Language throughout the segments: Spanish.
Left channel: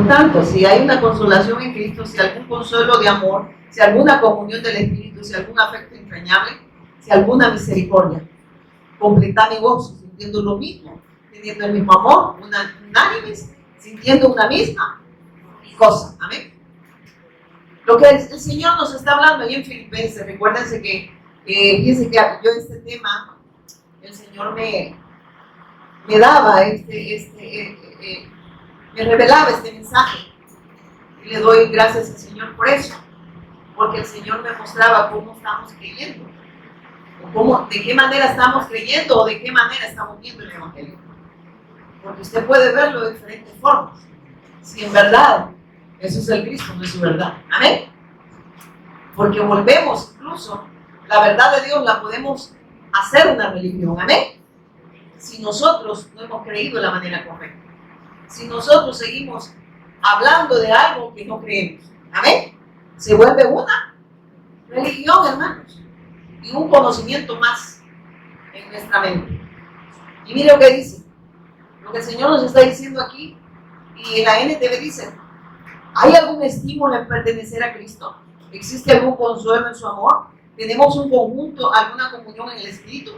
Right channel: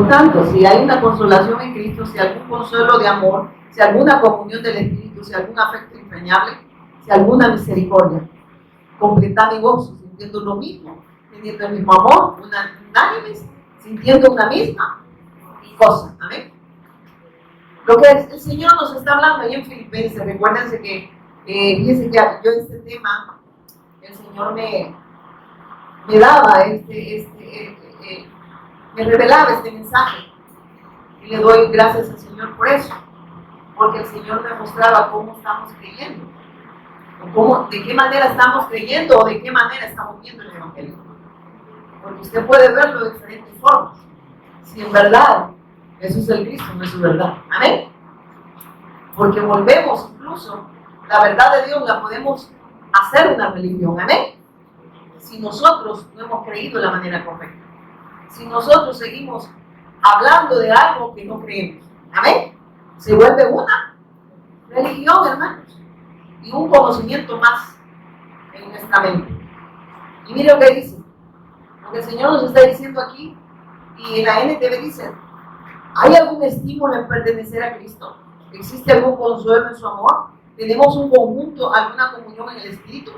Por tanto, si hay una consolación en Cristo, si algún consuelo de amor, si alguna comunión del Espíritu, si algún afecto entrañable, si alguna misericordia, completad mi gozo, sintiendo lo mismo, teniendo el mismo amor, unánimes, sintiendo una misma cosa. Amén. Lo que el Señor nos está hablando ahí en Filipenses, recuérdense que, fíjense que yo este tema, el Señor me daba me revelaba este mensaje, y le doy gracias al Señor por eso, porque el Señor me mostraba cómo estamos creyendo, o de qué manera estamos creyendo, o de qué manera estamos viendo el Evangelio, porque usted puede verlo de diferentes formas. Si en verdad eso es el Cristo, no es su verdad. Amén. Porque volvemos, incluso la verdad de Dios la podemos hacer una religión. Amén. Si nosotros no hemos creído de la manera correcta, si nosotros seguimos hablando de algo que no creemos. Amén. Se vuelve una religión, hermanos, y un conocimiento más en nuestra mente. Y mire lo que dice, lo que el Señor nos está diciendo aquí, y en la NTV dice: ¿hay algún estímulo en pertenecer a Cristo? ¿Existe algún consuelo en su amor? ¿Tenemos un conjunto, alguna comunión en el Espíritu?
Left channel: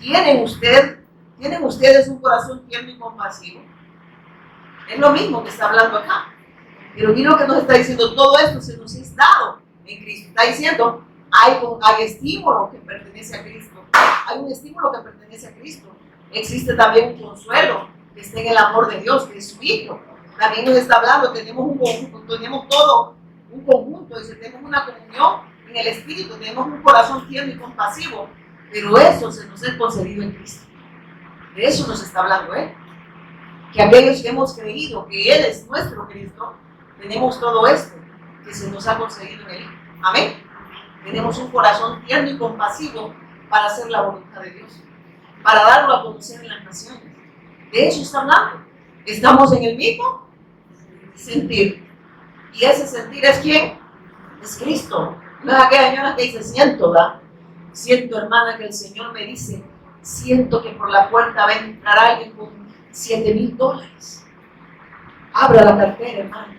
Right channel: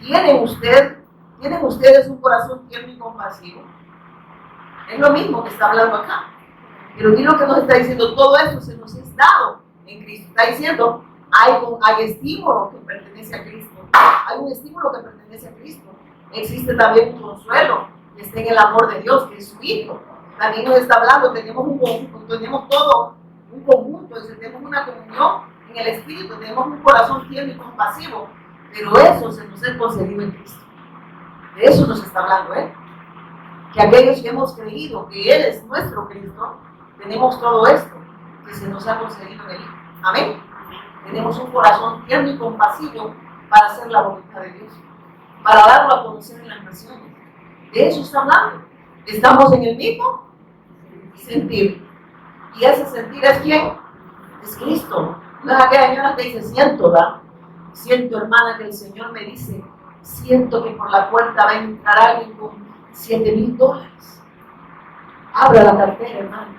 ¿Tienen ustedes un corazón tierno y compasivo? Es lo mismo que está hablando acá. Pero mira lo que nos está diciendo: todo esto se nos es dado en Cristo. Está diciendo, hay estímulo que pertenece a Cristo. Hay un estímulo que pertenece a Cristo. Existe también un consuelo que está en el amor de Dios, que es su Hijo. También nos está hablando, tenemos un conjunto, tenemos todo un conjunto, dice, tenemos una comunión en el Espíritu, tenemos un corazón tierno y compasivo, pero eso se nos es concedido en Cristo. De eso nos está hablando, que aquellos que hemos creído que Él es nuestro Cristo, tenemos todo esto que se nos ha concedido en el Hijo. Amén. Tenemos un corazón tierno y compasivo para hacer la voluntad de Dios, para darlo a conocer en las naciones. De eso está hablando. Estamos en el mismo sentir. ¿Y ese sentir es quién? Es Cristo. No es aquella señora que dice: siento, ¿verdad? Siento, hermana, que el Señor me dice: siento que por la puerta va a entrar alguien con $7,000. Abra la cartera, hermano.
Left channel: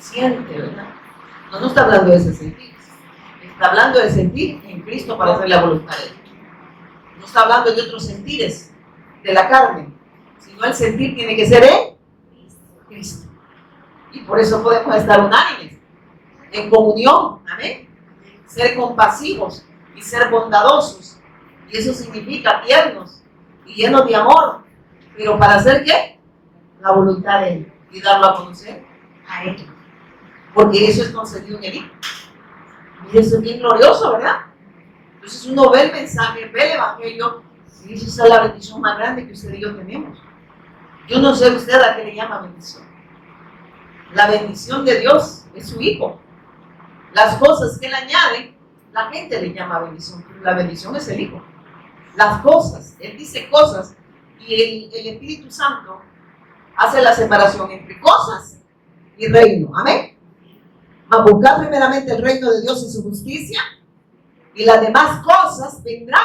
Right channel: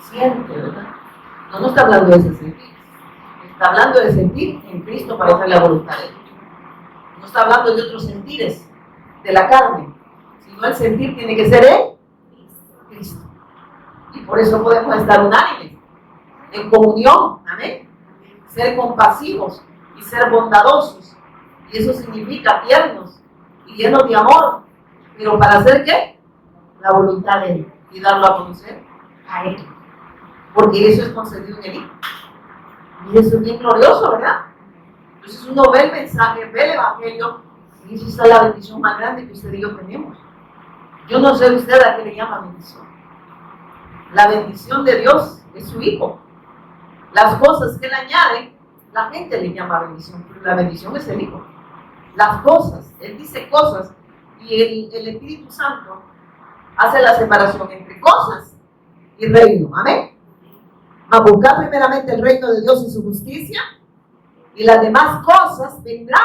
Siente, ¿verdad? No está hablando de ese sentir. Está hablando de sentir en Cristo para hacer la voluntad de Dios. No está hablando de otros sentires de la carne, sino el sentir tiene que ser en Cristo. Y por eso podemos estar unánimes, en comunión, amén. Ser compasivos y ser bondadosos. Y eso significa tiernos y llenos de amor. ¿Pero para hacer qué? La voluntad de Él y darlo a conocer a Él. Porque eso es concedido en el Hijo. Y eso es bien glorioso, ¿verdad? Entonces uno ve el mensaje, ve el Evangelio, y esa es la bendición más grande que usted y yo tenemos. Yo no sé usted a qué le llama bendición. La bendición de Dios es su Hijo. Las cosas que Él añade, la gente le llama bendición, pero la bendición es el Hijo. Las cosas, Él dice cosas, y el Espíritu Santo hace la separación entre cosas y reino. Amén. A buscar primeramente el reino de Dios y su justicia, y las demás cosas vendrán.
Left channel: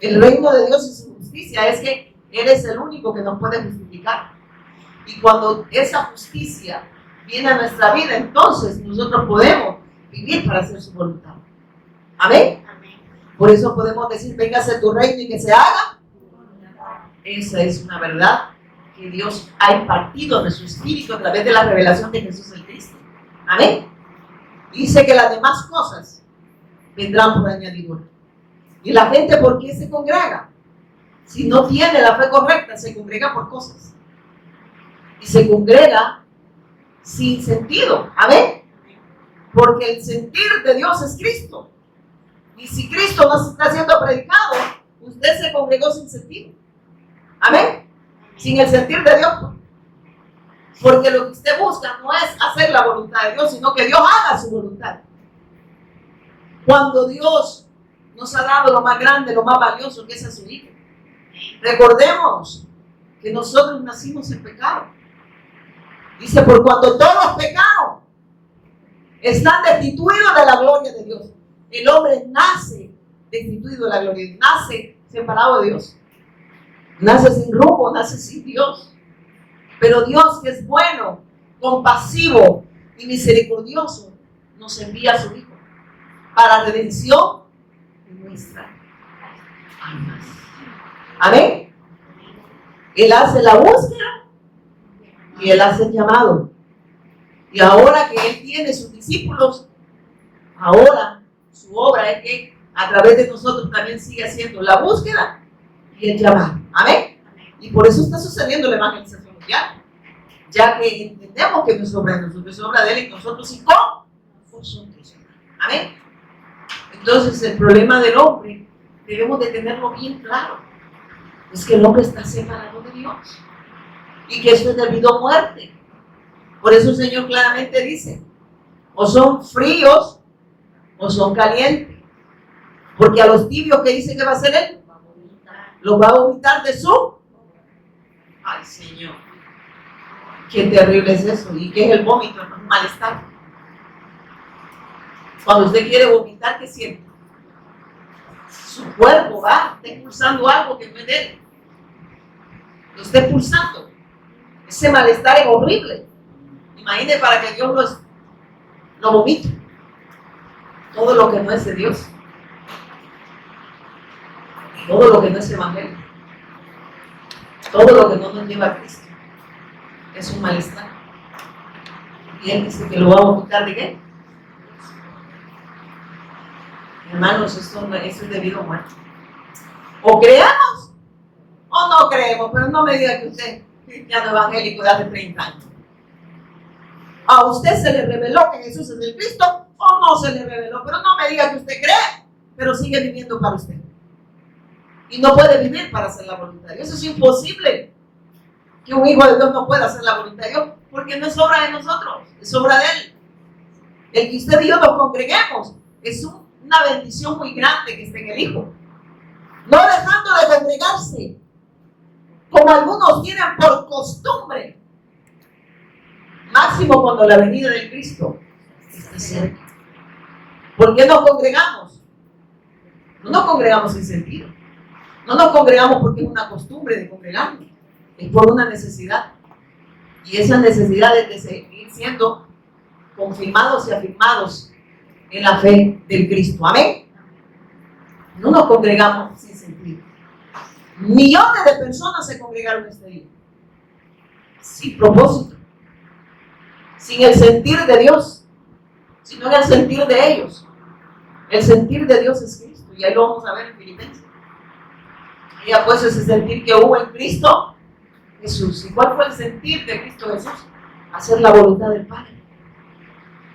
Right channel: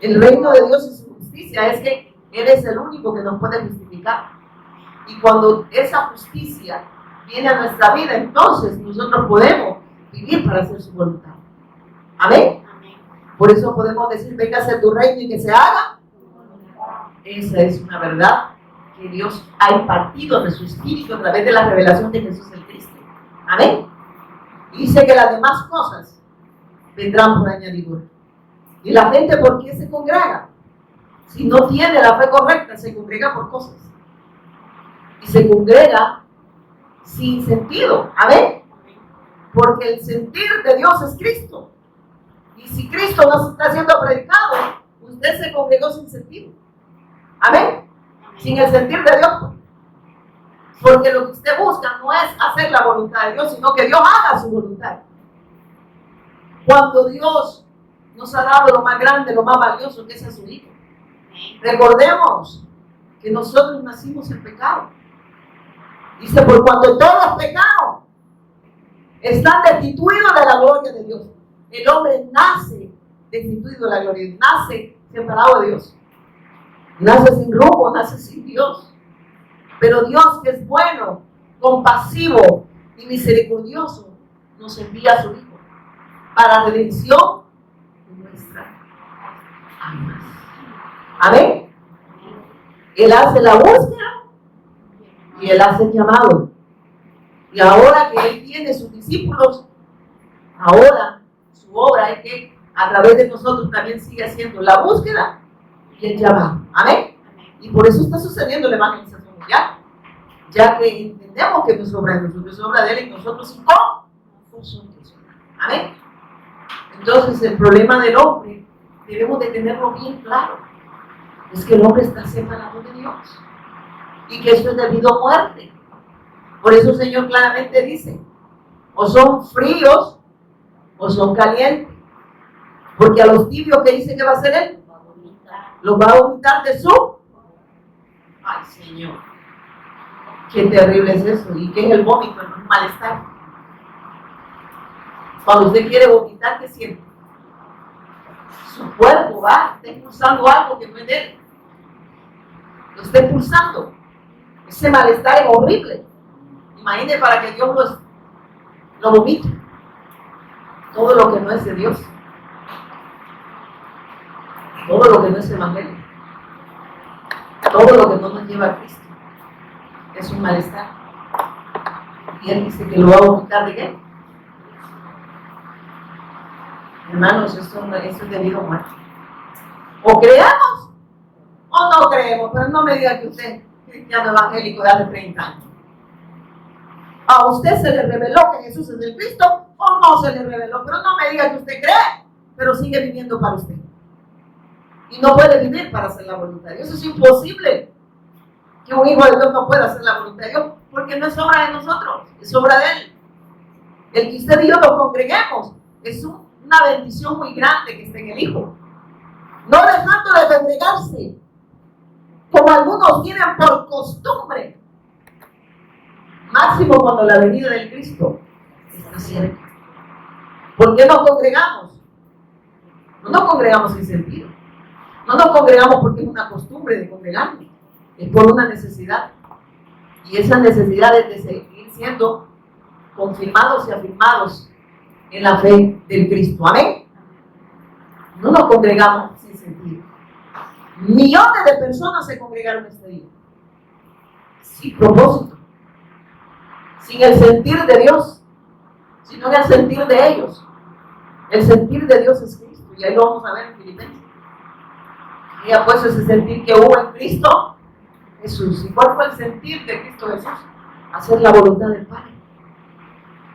El reino de Dios y su justicia es que Él es el único que nos puede justificar. Y cuando esa justicia viene a nuestra vida, entonces nosotros podemos vivir para hacer su voluntad. Amén. Por eso podemos decir: véngase tu reino y que se haga. Esa es una verdad que Dios ha impartido en su espíritu a través de la revelación de Jesús el Cristo. Amén. Dice que las demás cosas vendrán por añadidura. Y la gente, ¿por qué se congrega? Si no tiene la fe correcta, se congrega por cosas. Y se congrega sin sentido. Amén. Porque el sentir de Dios es Cristo. Y si Cristo no está siendo predicado, usted se congregó sin sentido. Amén. Sin el sentir de Dios. Porque lo que usted busca no es hacer la voluntad de Dios, sino que Dios haga su voluntad. Cuando Dios nos ha dado lo más grande, lo más valioso, que es a su Hijo. Recordemos que nosotros nacimos en pecado. Dice: por cuando todos pecaron, están destituidos de la gloria de Dios. El hombre nace destituido de la gloria de Dios, nace separado de Dios, nace sin rumbo, nace sin Dios. Pero Dios, que es bueno, compasivo y misericordioso, nos envía a su Hijo para redención de nuestras almas. Amén. Él hace la búsqueda y Él hace el llamado. Y ahora que Él tiene sus discípulos, ahora su obra es que a través de nosotros también sigue haciendo la búsqueda y el llamado. Amén. Y por eso está sucediendo la evangelización mundial. Ya que entendemos que no es obra de nosotros, es obra de Él y nosotros y con nosotros. Amén. Entonces el problema del hombre debemos de tenerlo bien claro. Es que el hombre está separado de Dios. Y que eso es debido a muerte. Por eso el Señor claramente dice, o son fríos o son calientes. Porque a los tibios, ¿qué dice que va a hacer Él? Los va a vomitar de su... Ay, Señor. Qué terrible es eso. ¿Y qué es el vómito? Es un malestar. Cuando usted quiere vomitar, ¿qué siente? Su cuerpo va, está impulsando algo que no es de Él. Lo está impulsando. Ese malestar es horrible. Imagine para que Dios lo vomite. Todo lo que no es de Dios. Todo lo que no es evangelio. Todo lo que no nos lleva a Cristo. Es un malestar. Y Él dice que lo va a vomitar ¿de qué? Hermanos, esto es debido a muerte. O creemos o no creemos, pero no me diga que usted es cristiano evangélico de hace 30 años. ¿A usted se le reveló que Jesús es el Cristo o no se le reveló? Pero no me diga que usted cree, pero sigue viviendo para usted. Y no puede vivir para hacer la voluntad de Dios. Eso es imposible. Que un hijo de Dios no pueda hacer la voluntad de Dios, porque no es obra de nosotros, es obra de Él. El que usted y yo nos congreguemos es una bendición muy grande que esté en el Hijo. No dejando de congregarse, como algunos tienen por costumbre, máximo cuando la venida del Cristo está cerca. ¿Por qué nos congregamos? No nos congregamos sin sentido. No nos congregamos porque es una costumbre de congregarnos. Es por una necesidad. Y esa necesidad es de seguir siendo confirmados y afirmados en la fe del Cristo. Amén. No nos congregamos sin sentido. Millones de personas se congregaron este día. Sin propósito. Sin el sentir de Dios. Sino en el sentir de ellos. El sentir de Dios es Cristo. Y ahí lo vamos a ver en Filipenses. Y ya pues ese sentir que hubo en Cristo Jesús. ¿Y cuál fue el sentir de Cristo Jesús? Hacer la voluntad del Padre.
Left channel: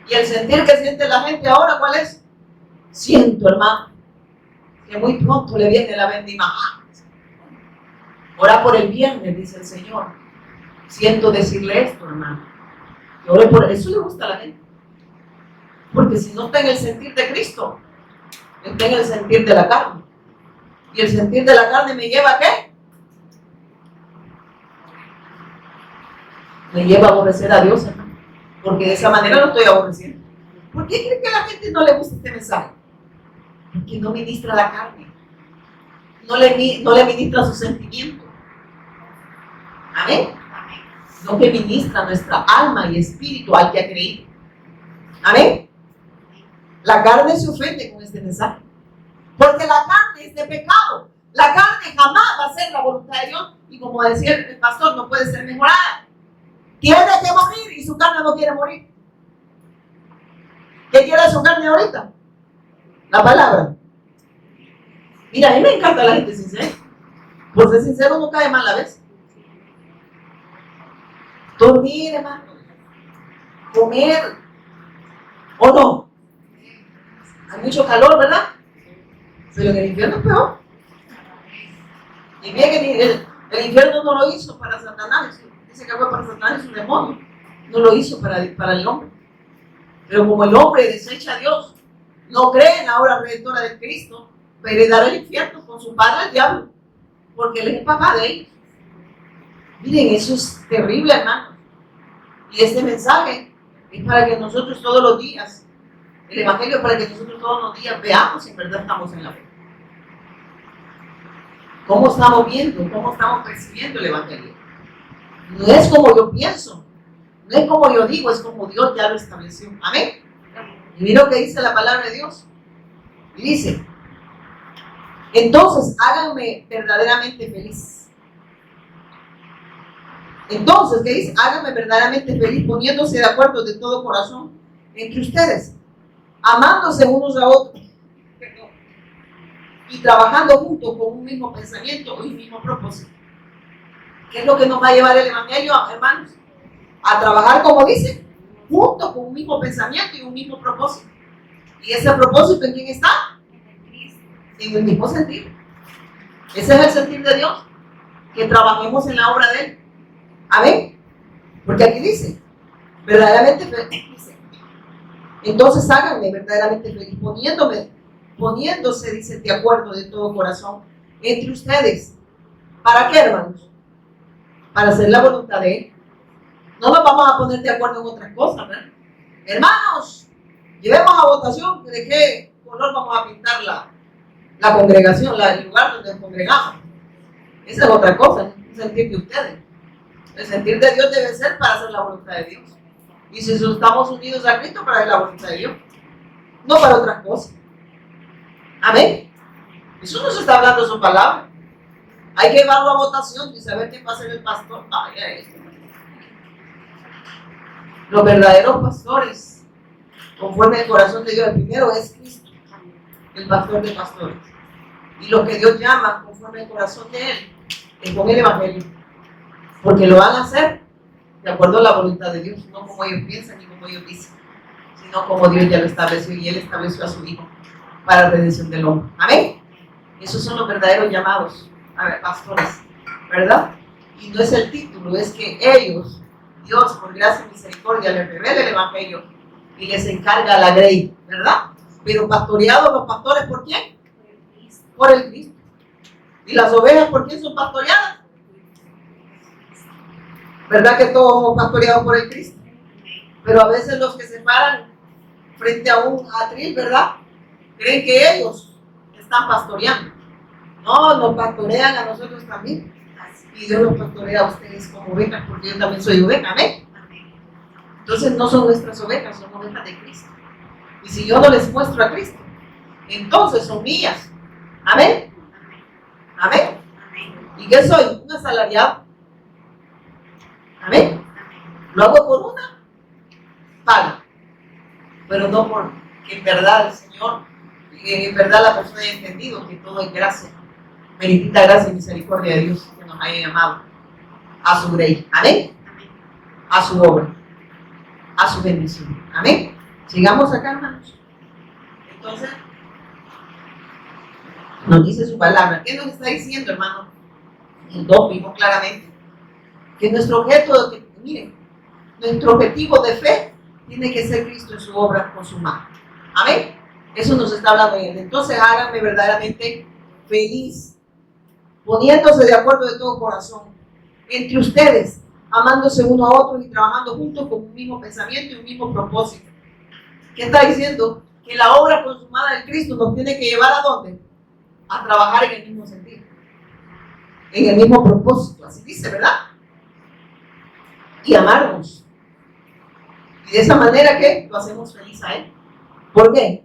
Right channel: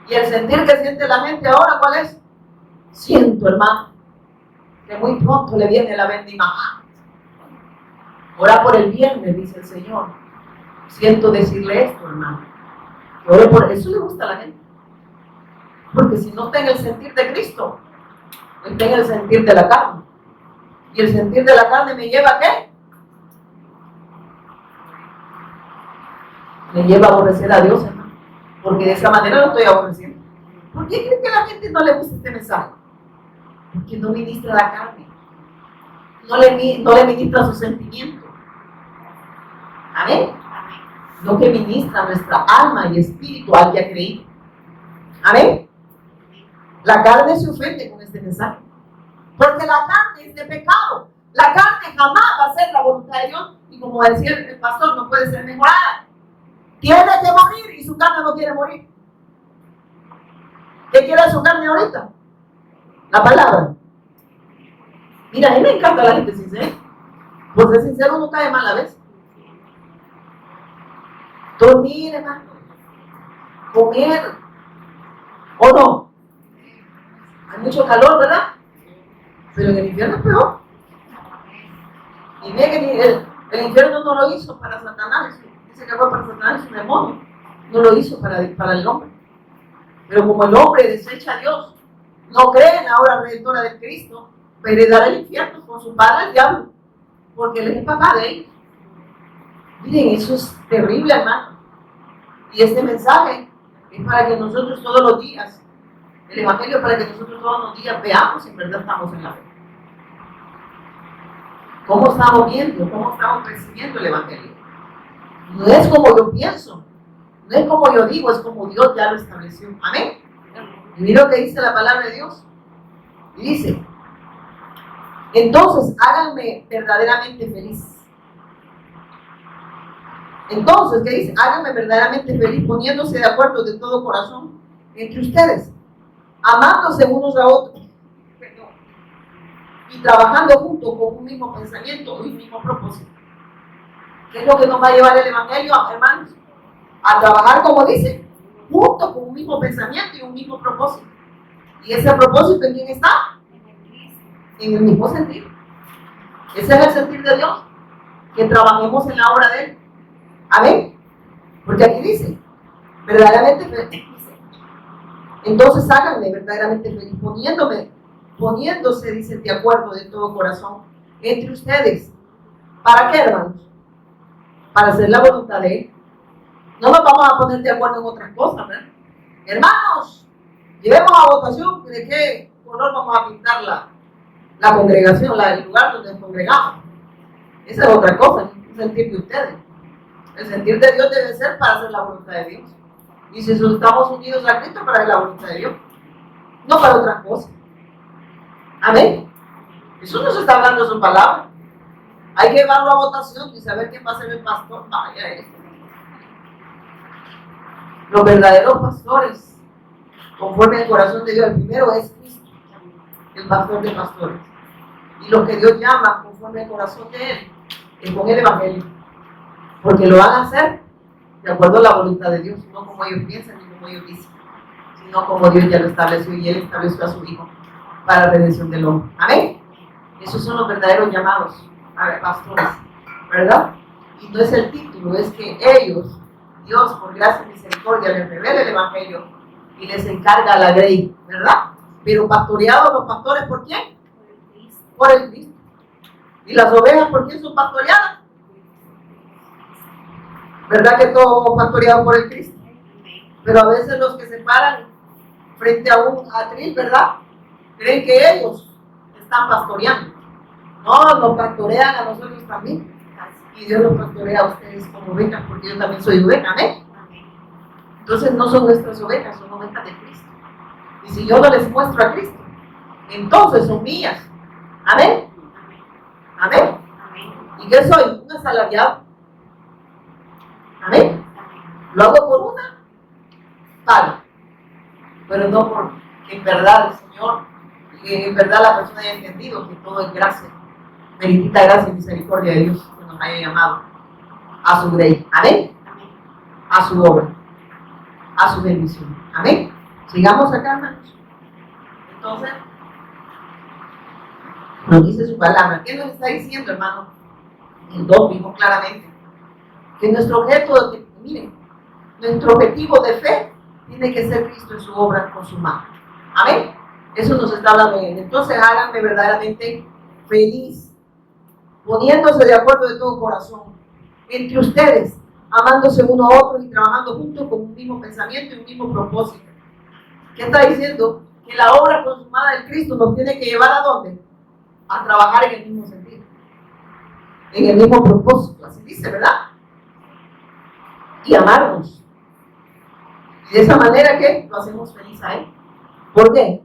Y el sentir que siente la gente ahora, ¿cuál es? Siento, hermano, que muy pronto le viene la bendición. Ora por el viernes, dice el Señor. Siento decirle esto, hermano. Que ore por eso. Le gusta a la gente. Porque si no está en el sentir de Cristo, está en el sentir de la carne. Y el sentir de la carne me lleva ¿a qué? Me lleva a aborrecer a Dios, hermano. Porque de esa manera lo estoy aborreciendo. ¿Por qué creen que a la gente no le gusta este mensaje? Porque no ministra la carne. No le ministra sus sentimientos. Amén. No que ministra nuestra alma y espíritu al que ha creído. Amén. La carne se ofende con este mensaje. Porque la carne es de pecado. La carne jamás va a ser la voluntad de Dios. Y como decía el pastor, no puede ser mejorada. Tiene que morir y su carne no quiere morir. ¿Qué quiere su carne ahorita? La palabra. Mira, a mí me encanta la gente sincera. Por ser sincero no cae mal a veces. Dormir, hermano. Comer. ¿O no? Hay mucho calor, ¿verdad? Pero en el infierno es peor. Y mira que el infierno no lo hizo para Satanás. Dice que fue para Satanás, es un demonio. No lo hizo para el hombre. Pero como el hombre desecha a Dios, no cree en la obra redentora de Cristo, va a heredar el infierno con su padre el diablo. Porque él es el papá de ellos. Miren, eso es terrible, hermano. Y este mensaje es para que nosotros todos los días, el evangelio es para que nosotros todos los días veamos si en verdad estamos en la fe. ¿Cómo estamos viendo? ¿Cómo estamos percibiendo el evangelio? No es como yo pienso, no es como yo digo, es como Dios ya lo estableció. Amén. Y mira lo que dice la palabra de Dios. Y dice, entonces háganme verdaderamente feliz. Entonces, ¿qué dice? Háganme verdaderamente feliz poniéndose de acuerdo de todo corazón entre ustedes, amándose unos a otros y trabajando juntos con un mismo pensamiento y un mismo propósito. ¿Qué es lo que nos va a llevar el Evangelio, hermanos? A trabajar, como dice, juntos con un mismo pensamiento y un mismo propósito. ¿Y ese propósito en quién está? En el mismo sentido. Ese es el sentir de Dios, que trabajemos en la obra de Él. Amén. Porque aquí dice, verdaderamente feliz. Entonces háganme verdaderamente feliz, poniéndose, dice, de acuerdo de todo corazón entre ustedes. ¿Para qué, hermanos? Para hacer la voluntad de Él. No nos vamos a poner de acuerdo en otras cosas, ¿verdad? Hermanos, llevemos a votación de qué color vamos a pintar la congregación, el lugar donde nos congregamos. Esa es otra cosa, el sentir de ustedes. El sentir de Dios debe ser para hacer la voluntad de Dios. Y si estamos unidos a Cristo, para hacer la voluntad de Dios, no para otras cosas. Amén. Eso no se está hablando de su palabra. Hay que llevarlo a votación y saber quién va a ser el pastor. Vaya esto. Los verdaderos pastores, conforme al corazón de Dios, el primero es Cristo, el pastor de pastores. Y lo que Dios llama conforme al corazón de Él es con el Evangelio. Porque lo van a hacer de acuerdo a la voluntad de Dios, no como ellos piensan ni como ellos dicen, sino como Dios ya lo estableció y Él estableció a su Hijo para la redención del hombre. Amén. Esos son los verdaderos llamados a pastores, ¿verdad? Y no es el título, es que ellos, Dios por gracia y misericordia, les revela el Evangelio y les encarga la grey, ¿verdad? Pero pastoreados los pastores, ¿por quién? Por el Cristo. ¿Y las ovejas por quién son pastoreadas? ¿Verdad que todos somos pastoreados por el Cristo? Pero a veces los que se paran frente a un atril, ¿verdad? Creen que ellos están pastoreando. No, nos pastorean a nosotros también. Y Dios los pastorea a ustedes como ovejas, porque yo también soy oveja, ¿amén? Entonces no son nuestras ovejas, son ovejas de Cristo. Y si yo no les muestro a Cristo, entonces son mías. ¿Amén? ¿Amén? ¿Y qué soy? Un asalariado. ¿Amén? Lo hago por una paga, pero no por que en verdad el Señor, en verdad la persona haya entendido que todo es gracia, meritita gracia y misericordia de Dios que nos haya llamado a su grey. ¿Amén? A su obra, a su bendición. ¿Amén? Sigamos acá, hermanos. Entonces, nos dice su palabra. ¿Qué nos está diciendo, hermano? El 2 vimos claramente que nuestro objeto, miren, nuestro objetivo de fe tiene que ser Cristo en su obra consumada. Amén. Eso nos está hablando él. Entonces háganme verdaderamente feliz, poniéndose de acuerdo de todo corazón entre ustedes, amándose uno a otro y trabajando juntos con un mismo pensamiento y un mismo propósito. ¿Qué está diciendo? Que la obra consumada de Cristo nos tiene que llevar ¿a dónde? A trabajar en el mismo sentido, en el mismo propósito, así dice, ¿verdad? Y amarnos. Y de esa manera, ¿qué? Lo hacemos feliz a Él. ¿Por qué?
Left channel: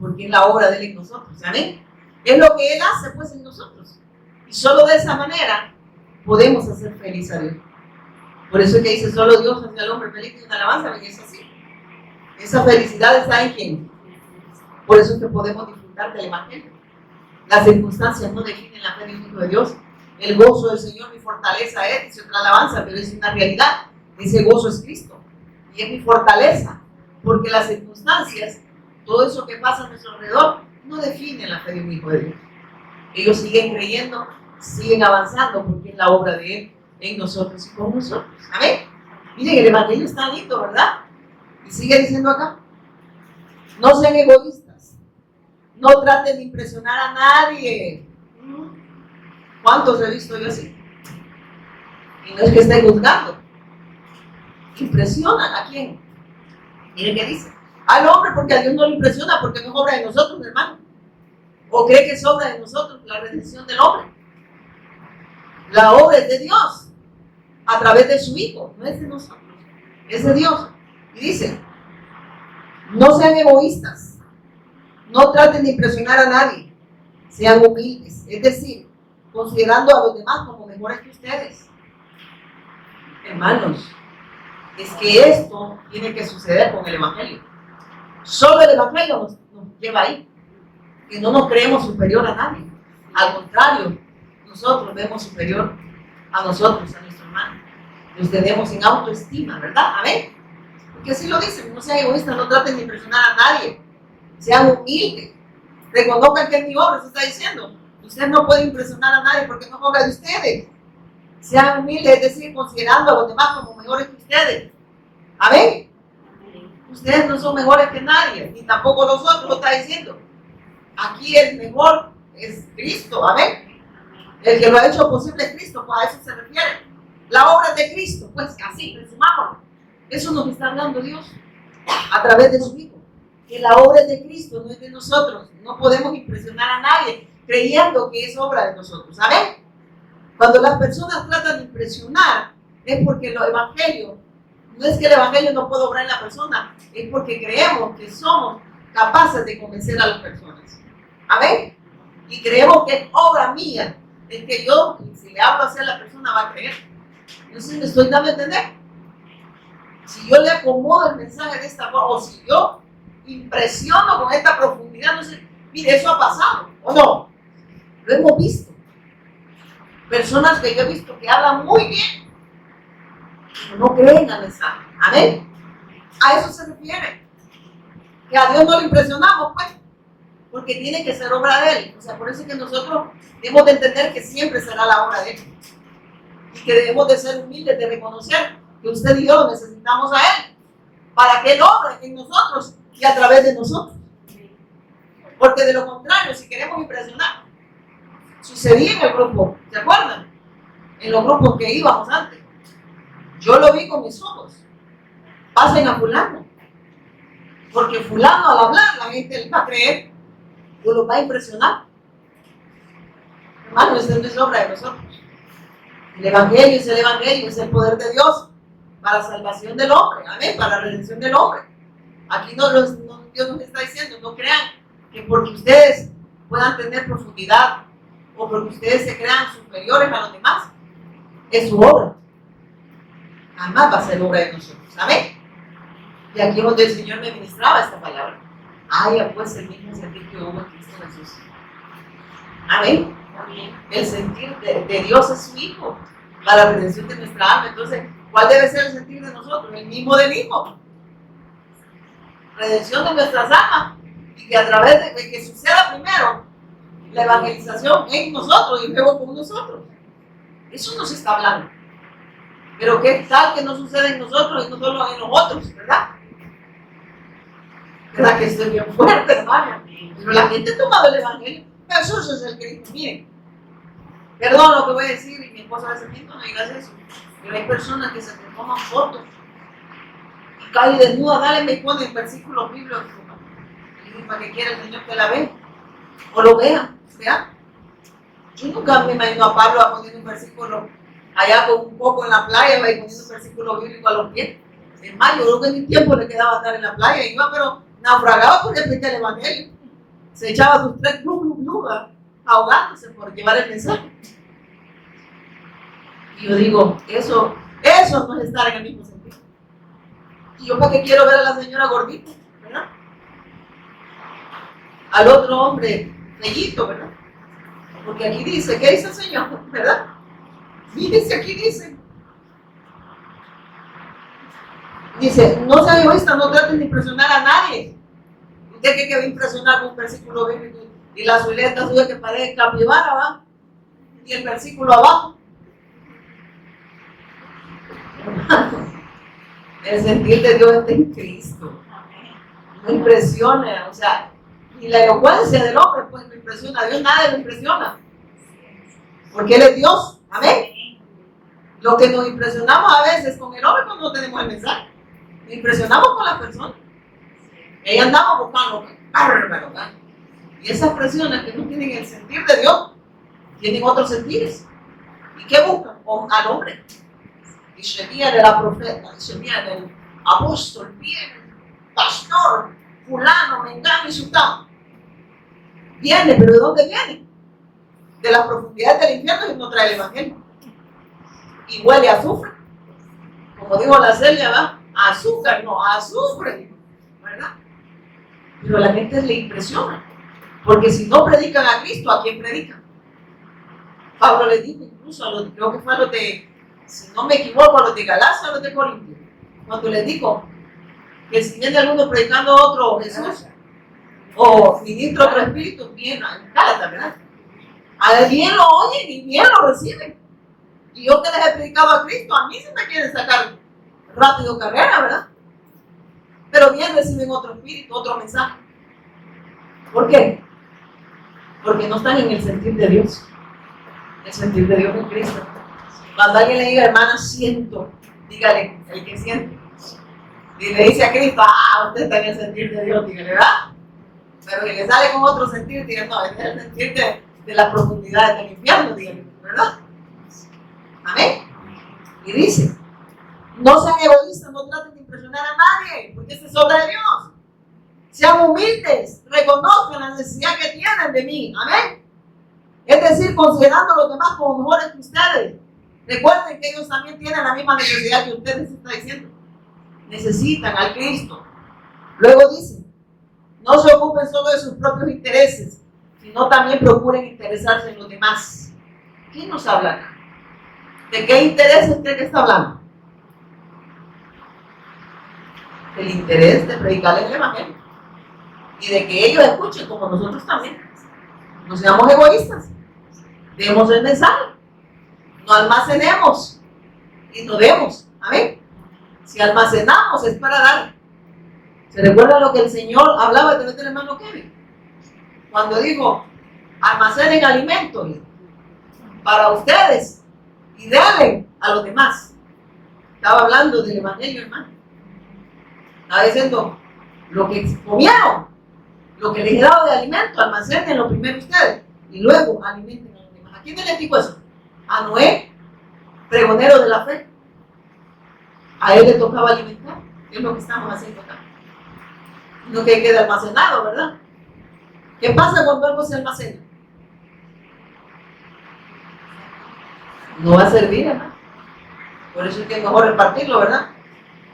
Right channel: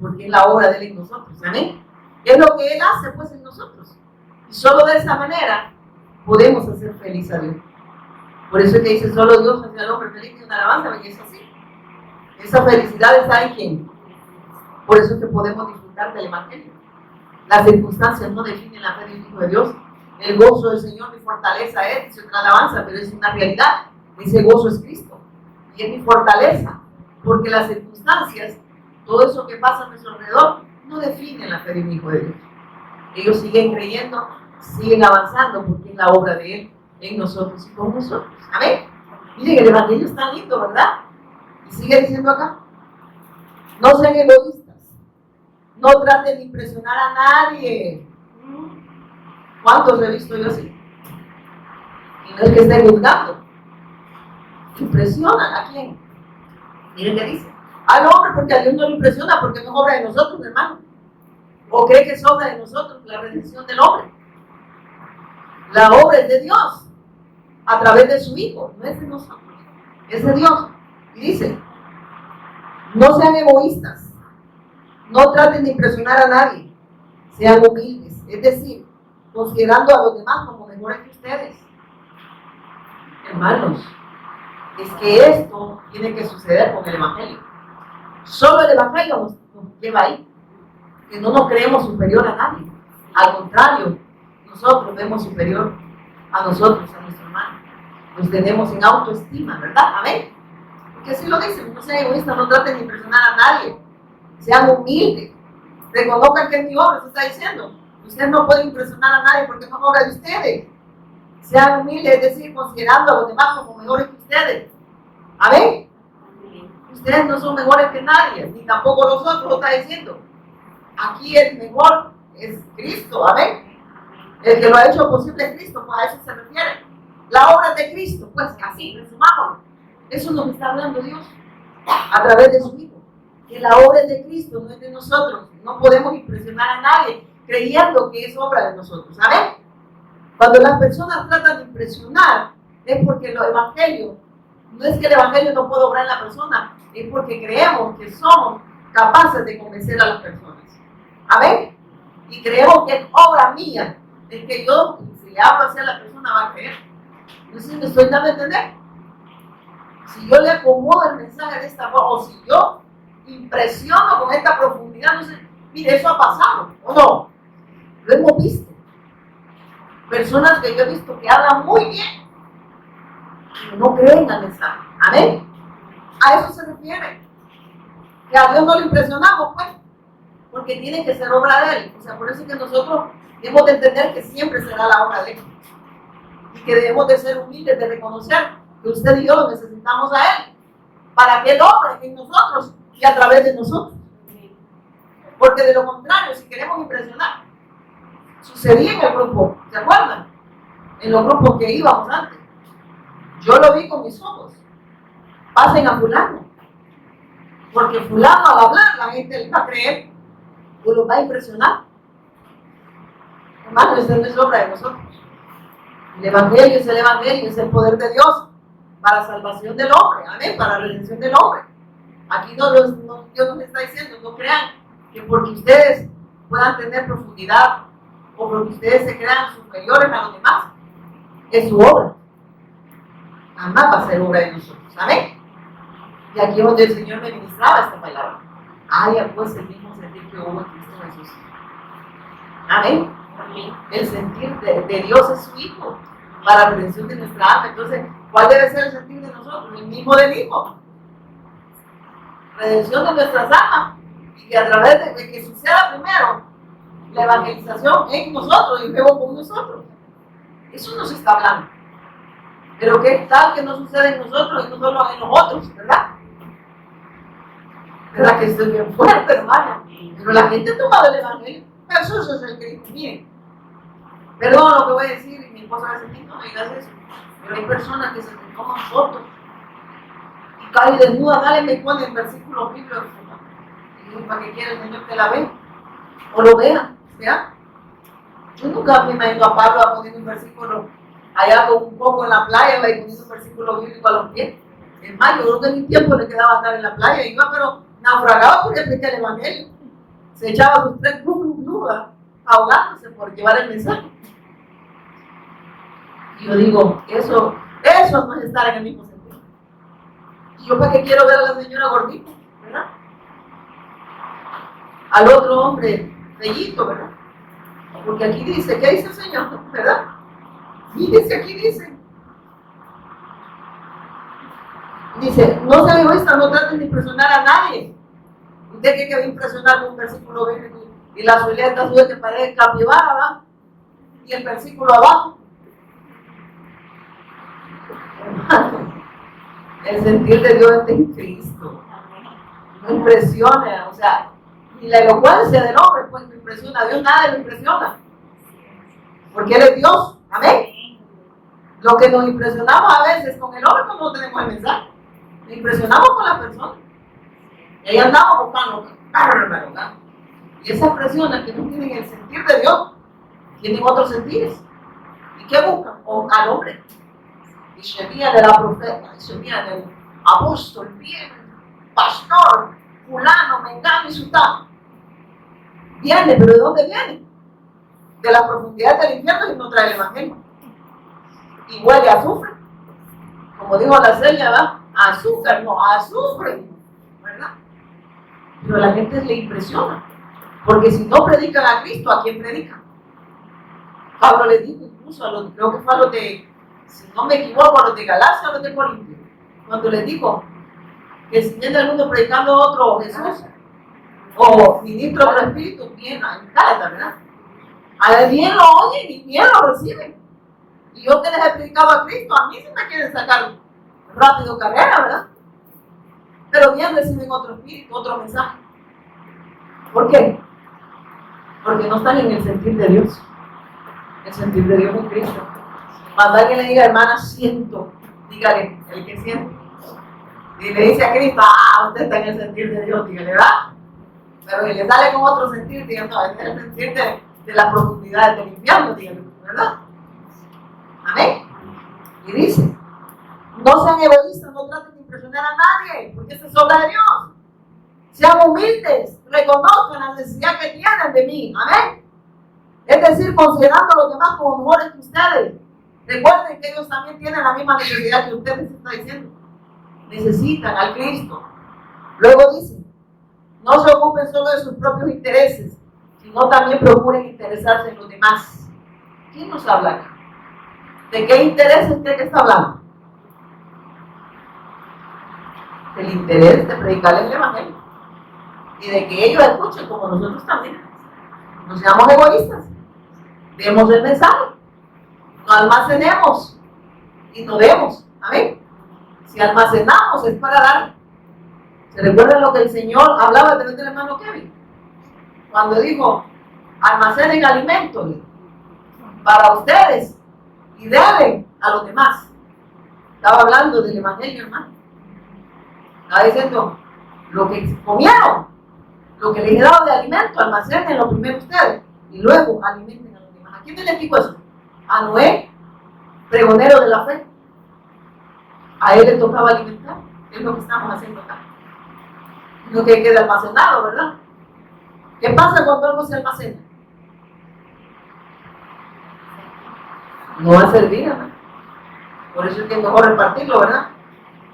Porque es la obra de Él en nosotros, ¿amén? Es lo que Él hace, pues, en nosotros. Y solo de esa manera podemos hacer feliz a Dios. Por eso es que dice, solo Dios hace al hombre feliz, y una alabanza, porque es así. Esa felicidad está en quién. Por eso es que podemos disfrutar del Evangelio. Las circunstancias no definen la fe de un hijo de Dios. El gozo del Señor, mi fortaleza es, dice otra alabanza, pero es una realidad. Ese gozo es Cristo. Y es mi fortaleza. Porque las circunstancias, todo eso que pasa a nuestro alrededor, no definen la fe de un hijo de Dios. Ellos siguen creyendo, siguen avanzando, porque es la obra de Él en nosotros y con nosotros. Amén. Miren, el Evangelio está lindo, ¿verdad? Y sigue diciendo acá, no sean egoístas, no traten de impresionar a nadie. ¿Cuántos he visto yo así? Y no es que estén juzgando. ¿Impresionan a quién? Miren qué dice. Al hombre, porque a Dios no le impresiona, porque no es obra de nosotros, hermano. ¿O cree que es obra de nosotros la redención del hombre? La obra es de Dios. a través de su Hijo, no es de nosotros, es de Dios. Y dice, no sean egoístas, no traten de impresionar a nadie, sean humildes, es decir, considerando a los demás como mejores que ustedes. Hermanos, es que esto tiene que suceder con el Evangelio. Solo el Evangelio nos lleva ahí, que no nos creemos superior a nadie. Al contrario, nosotros vemos superior a nosotros, a nuestro hermano. Nos tenemos en autoestima, ¿verdad? Amén. Porque así lo dicen, no sean egoístas, no traten de impresionar a nadie. Sean humildes. Reconozcan que es mi obra, se está diciendo. Usted no puede impresionar a nadie porque no es obra de ustedes. Sean humildes, es decir, considerando a los demás como mejores que ustedes. Amén. Ustedes no son mejores que nadie, ni tampoco los otros, lo está diciendo. Aquí el mejor es Cristo, amén. El que lo ha hecho posible es Cristo, pues a eso se refiere. La obra de Cristo, pues así, resumámoslo. Eso nos está hablando Dios a través de su Hijo. Que la obra es de Cristo, no es de nosotros. No podemos impresionar a nadie creyendo que es obra de nosotros, ¿amén? Cuando las personas tratan de impresionar, es porque el Evangelio, no es que el Evangelio no pueda obrar en la persona, es porque creemos que somos capaces de convencer a las personas. ¿Amén? Y creemos que es obra mía, es que yo, si le hablo así a la persona, va a creer. Entonces me estoy dando a entender. Si yo le acomodo el mensaje de esta forma, o si yo impresiono con esta profundidad, no sé, mire, eso ha pasado, ¿o no? Lo hemos visto. Personas que yo he visto que hablan muy bien, pero no creen al mensaje. ¿Amén? A eso se refiere. Que a Dios no lo impresionamos, pues, porque tiene que ser obra de Él. O sea, por eso es que nosotros debemos de entender que siempre será la obra de Él. Y que debemos de ser humildes, de reconocer que usted y yo necesitamos a Él para que Él obre en nosotros y a través de nosotros. Porque de lo contrario, si queremos impresionar, sucedía en el grupo, ¿se acuerdan? En los grupos que íbamos antes. Yo lo vi con mis ojos. Pasen a fulano. Porque fulano al hablar, la gente le va a creer o los va a impresionar. Hermano, esta no es obra de nosotros. El Evangelio es el Evangelio, es el poder de Dios para la salvación del hombre, amén, para la redención del hombre. Aquí Dios nos está diciendo, no crean que porque ustedes puedan tener profundidad o porque ustedes se crean superiores a los demás, es su obra. Jamás va a ser obra de nosotros, amén. Y aquí es donde el Señor me ministraba esta palabra. Haya pues el mismo sentir que hubo en Cristo Jesús. Amén. Amén. El sentir de Dios es su Hijo para la redención de nuestra alma. Entonces, ¿cuál debe ser el sentir de nosotros? El mismo del Hijo. Redención de nuestras almas. Y que a través de que suceda primero la evangelización en nosotros y luego con nosotros. Eso nos está hablando. Pero qué tal que no sucede en nosotros y no solo en los otros, ¿verdad? ¿Verdad que estoy bien fuerte, hermana? Pero la gente ha tomado el Evangelio. Jesús es el Cristo. Miren, perdón lo que voy a decir, y mi esposa a veces me dice, no digas eso. Pero hay personas que se toman fotos y caen desnudas, dale, me ponen versículos bíblicos. Y para que quiera el Señor que la vea o lo vea, ¿ya? Yo nunca me imagino a Pablo poniendo un versículo allá con un poco en la playa y poniendo un versículo bíblico a los pies. Es más, yo creo que ni tiempo le quedaba andar en la playa, iba pero naufragaba porque expliqué el Evangelio. Se echaba sus 3 clubes ahogándose por llevar el mensaje. Y yo digo, eso no es estar en el mismo sentido. Y yo para qué quiero ver a la señora gordita, ¿verdad? Al otro hombre bellito, ¿verdad? Porque aquí dice, ¿qué dice el Señor? ¿Verdad? Fíjense, aquí dice, no sean egoístas, no traten de impresionar a nadie. ¿Usted cree que va a impresionar con un versículo bíblico y la zuleta suya que parece capibara, ¿va? Y el versículo abajo? El sentir de Dios está en Cristo. No impresiona, o sea, y la elocuencia del hombre pues me impresiona. A Dios nada le impresiona. Porque Él es Dios. Amén. Lo que nos impresionamos a veces con el hombre cuando no tenemos el mensaje. Nos impresionamos con la persona. Y andamos buscando, ¿verdad? Y esas personas que no tienen el sentir de Dios, tienen otros sentires. ¿Y qué buscan? Al hombre. se viene la profeta, se viene el apóstol, viene el pastor, fulano, mengano y sutano. Viene, pero ¿de dónde viene? De las profundidades del infierno y no trae el evangelio. Y huele a azufre. Como dijo la Celia, ¿verdad? Azúcar, no, azufre, ¿verdad? Pero a la gente le impresiona. Porque si no predican a Cristo, ¿a quién predican? Pablo le dijo incluso a los, creo que fue a los de, si no me equivoco, a los de Galacia o a los de Corintios, cuando les dijo que si viene alguno predicando a otro Jesús, o ministro otro espíritu, bien, en Gálatas, ¿verdad? A bien lo oyen y bien lo reciben. Y yo que les he predicado a Cristo, a mí se me quieren sacar rápido carrera, ¿verdad? Pero bien reciben otro espíritu, otro mensaje. ¿Por qué? Porque no están en el sentir de Dios. El sentir de Dios en Cristo. Cuando alguien le diga, hermana, siento, dígale, el que siente. Y le dice a Cristo, usted está en el sentir de Dios, dígale, ¿verdad? Pero el que sale con otro sentir, dígale, no, este es el sentir de las profundidades del infierno, dígale, ¿verdad? Amén. Y dice, no sean egoístas, no traten de impresionar a nadie, porque esa es obra de Dios. Sean humildes, reconozcan la necesidad que tienen de mí, amén. Es decir, considerando a los demás como mejores que ustedes. Recuerden que ellos también tienen la misma necesidad que ustedes está diciendo. Necesitan al Cristo. Luego dice, no se ocupen solo de sus propios intereses, sino también procuren interesarse en los demás. ¿Quién nos habla acá? ¿De qué interés usted que está hablando? Del interés de predicar el evangelio. Y de que ellos escuchen como nosotros también. No seamos egoístas. Demos el mensaje. No almacenemos y no demos. Amén. Si almacenamos es para dar. ¿Se recuerda lo que el Señor hablaba a través del hermano Kevin? Cuando dijo, almacenen alimentos para ustedes y denle a los demás. Estaba hablando del evangelio, hermano. Estaba diciendo, lo que comieron, lo que les he dado de alimento, almacénenlo primero ustedes y luego alimenten a los demás. ¿A quién le dijo eso? A Noé, pregonero de la fe. A él le tocaba alimentar. Es lo que estamos haciendo acá. No que quede almacenado, ¿verdad? ¿Qué pasa cuando algo se almacena? No va a servir, hermano. Por eso es que es mejor repartirlo, ¿verdad?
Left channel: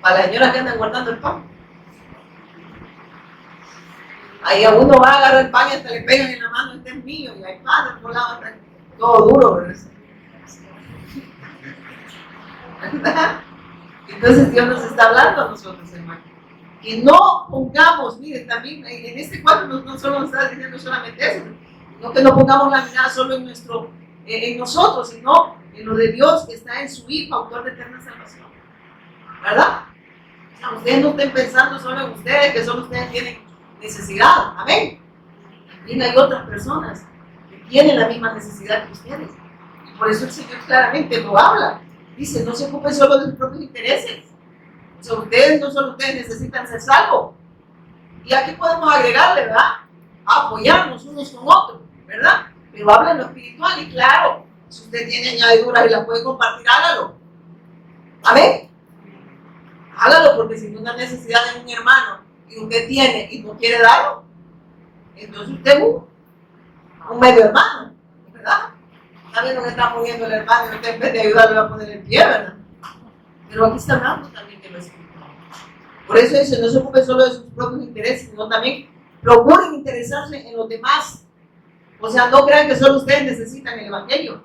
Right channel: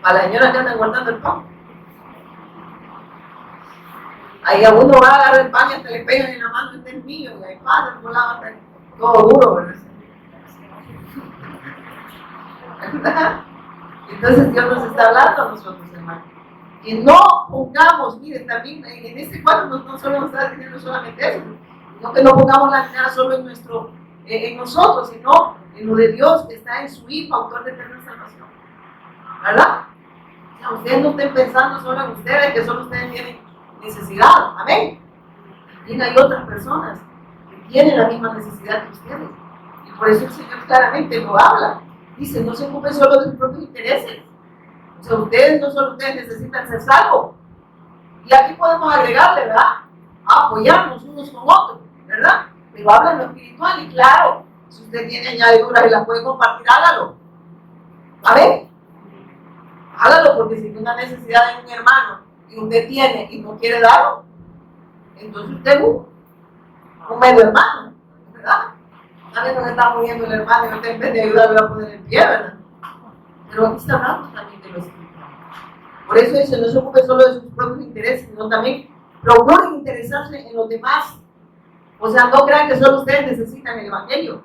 Para las señoras que andan guardando el pan. Ahí a uno va a agarrar el pan y hasta le pegan en la mano, este es mío, y hay pan por lado, todo duro, ¿verdad? Entonces Dios nos está hablando a nosotros, hermano. Que no pongamos, miren, también en este cuadro no solo nos está diciendo solamente eso, sino que no pongamos la mirada solo en nosotros, sino en lo de Dios que está en su Hijo, autor de eterna salvación. ¿Verdad? O sea, ustedes no estén pensando solo en ustedes, que solo ustedes tienen necesidad. Amén. También hay otras personas que tienen la misma necesidad que ustedes. Y por eso el Señor claramente lo habla. Dice, no se ocupen solo de sus propios intereses. O sea, no solo ustedes necesitan ser salvos. Y aquí podemos agregarle, ¿verdad? Apoyarnos unos con otros, ¿verdad? Pero habla en lo espiritual y claro, si usted tiene añadiduras y las puede compartir, hágalo. ¿Amén? Hágalo, porque si tiene una necesidad de un hermano y usted tiene y no quiere darlo, entonces usted es un medio hermano, ¿verdad? Está viendo que está muriendo el hermano y usted en vez de ayudarle va a poner el pie, ¿verdad? Pero aquí está hablando también de lo espiritual. Por eso dice, no se ocupe solo de sus propios intereses, sino también procuren interesarse en los demás. O sea, no crean que solo ustedes necesitan el evangelio,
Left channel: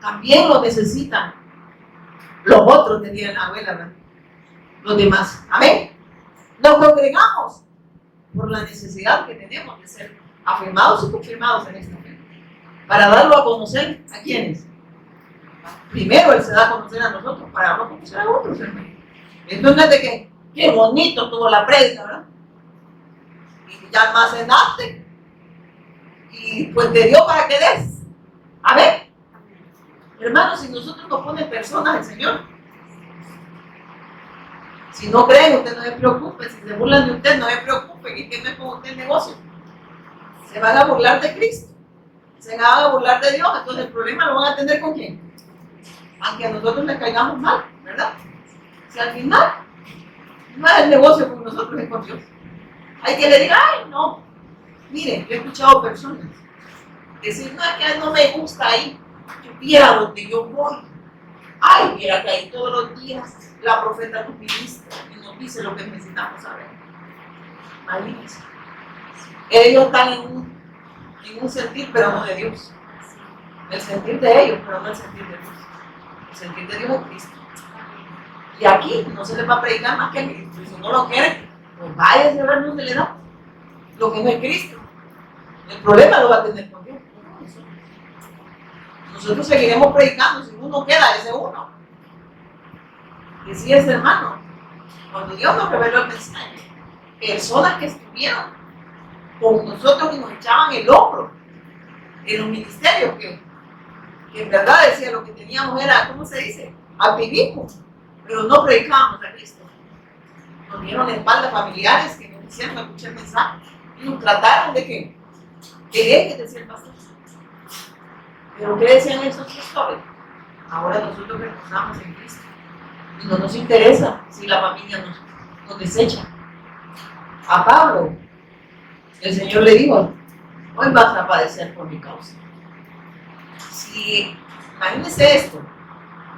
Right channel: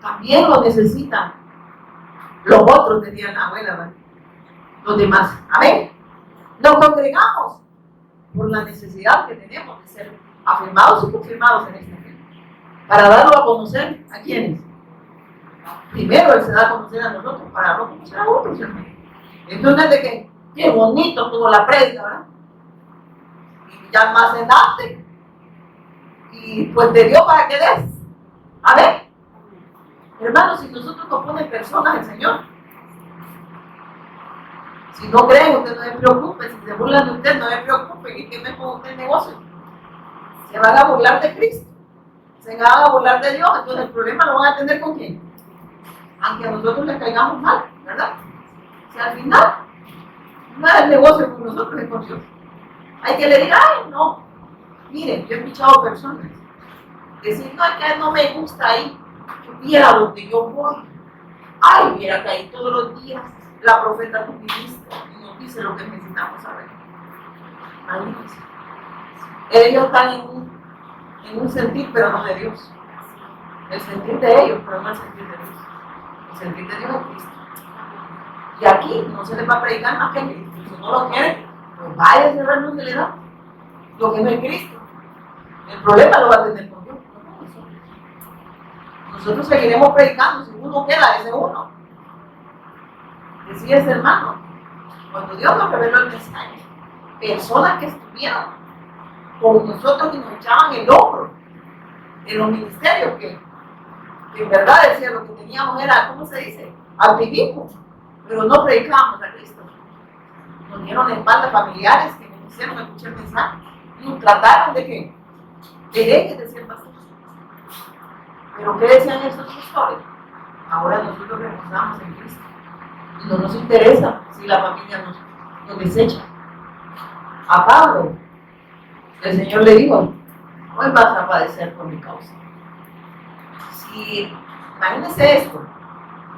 también lo necesitan los otros, decía la abuela, ¿verdad? Los demás. Amén. Nos congregamos por la necesidad que tenemos de ser afirmados y confirmados en esta fe, para darlo a conocer a quienes. Primero Él se da a conocer a nosotros, para darlo a conocer a otros, hermano. Entonces, de que qué bonito tuvo la prédica, ¿verdad? Y ya almacenaste y pues te dio para que des. A ver, hermanos, si nosotros nos ponen personas el Señor, si no creen, usted no se preocupe. Si se burlan de usted, no se preocupe, que no es con usted el negocio. Se van a burlar de Cristo, se van a burlar de Dios. Entonces el problema lo van a tener con quién, aunque a nosotros les caigamos mal. ¿verdad? Si al final, nada del negocio con nosotros es con Dios. Hay que le diga, ay, no. Miren, yo he escuchado personas decir, no, es que no me gusta ahí. Yo viera donde yo voy. Ay, mira que ahí todos los días la profeta nos ministra y nos dice lo que necesitamos saber. Malísimo. Ellos están en un sentir, pero no de Dios. El sentir de ellos, pero no el sentir de Dios. El sentir de Dios es Cristo. Y aquí no se les va a predicar más que a Cristo. Si no lo quieren, pues váyase a ver dónde le da. Lo que no es Cristo. El problema lo va a tener con Dios. Nosotros seguiremos predicando. Si uno queda, ese uno. Decía ese hermano, cuando Dios nos reveló el mensaje, personas que estuvieran con nosotros y nos echaban el hombro en los ministerios, que en verdad decía lo que teníamos era, ¿cómo se dice? Activismo, pero no predicábamos a Cristo. Nos dieron espaldas familiares que nos hicieron escuchar el mensaje y nos trataron de que herejes, decía el pastor. Pero ¿qué decían esos pastores? Ahora nosotros reposamos en Cristo y no nos interesa si la familia nos desecha. A Pablo, el Señor le dijo, hoy vas a padecer por mi causa. Si, imagínense esto,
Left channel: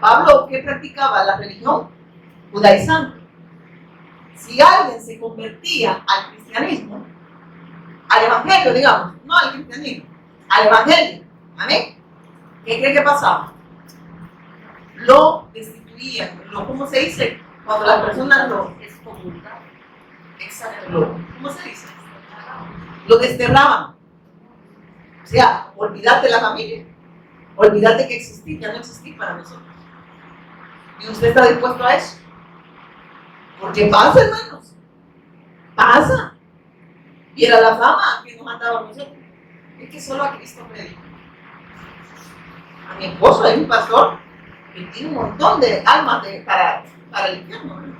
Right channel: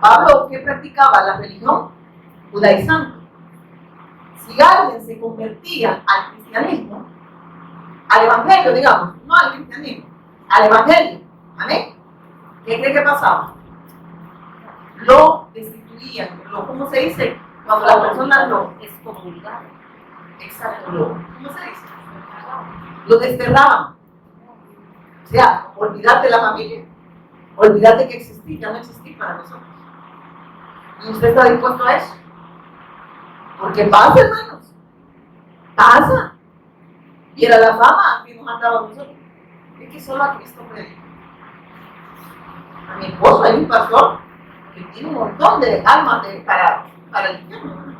Pablo, ¿qué practicaba? La religión judaizante. Si alguien se convertía al cristianismo, al evangelio, digamos, no al cristianismo, al evangelio, ¿amén? ¿Qué cree que pasaba? Lo destituían, ¿cómo se dice? Cuando las personas lo excomulgaban. Exacto, ¿cómo se dice? Lo desterraban. O sea, olvidar de la familia, olvidar de que existía, ya no existía para nosotros. ¿Y usted está dispuesto a eso? Porque pasa, hermanos, pasa. Y era la fama que nos mandaba a nosotros. Es que solo a Cristo predica. A mi esposo hay un pastor que tiene un montón de almas para el infierno, ¿no?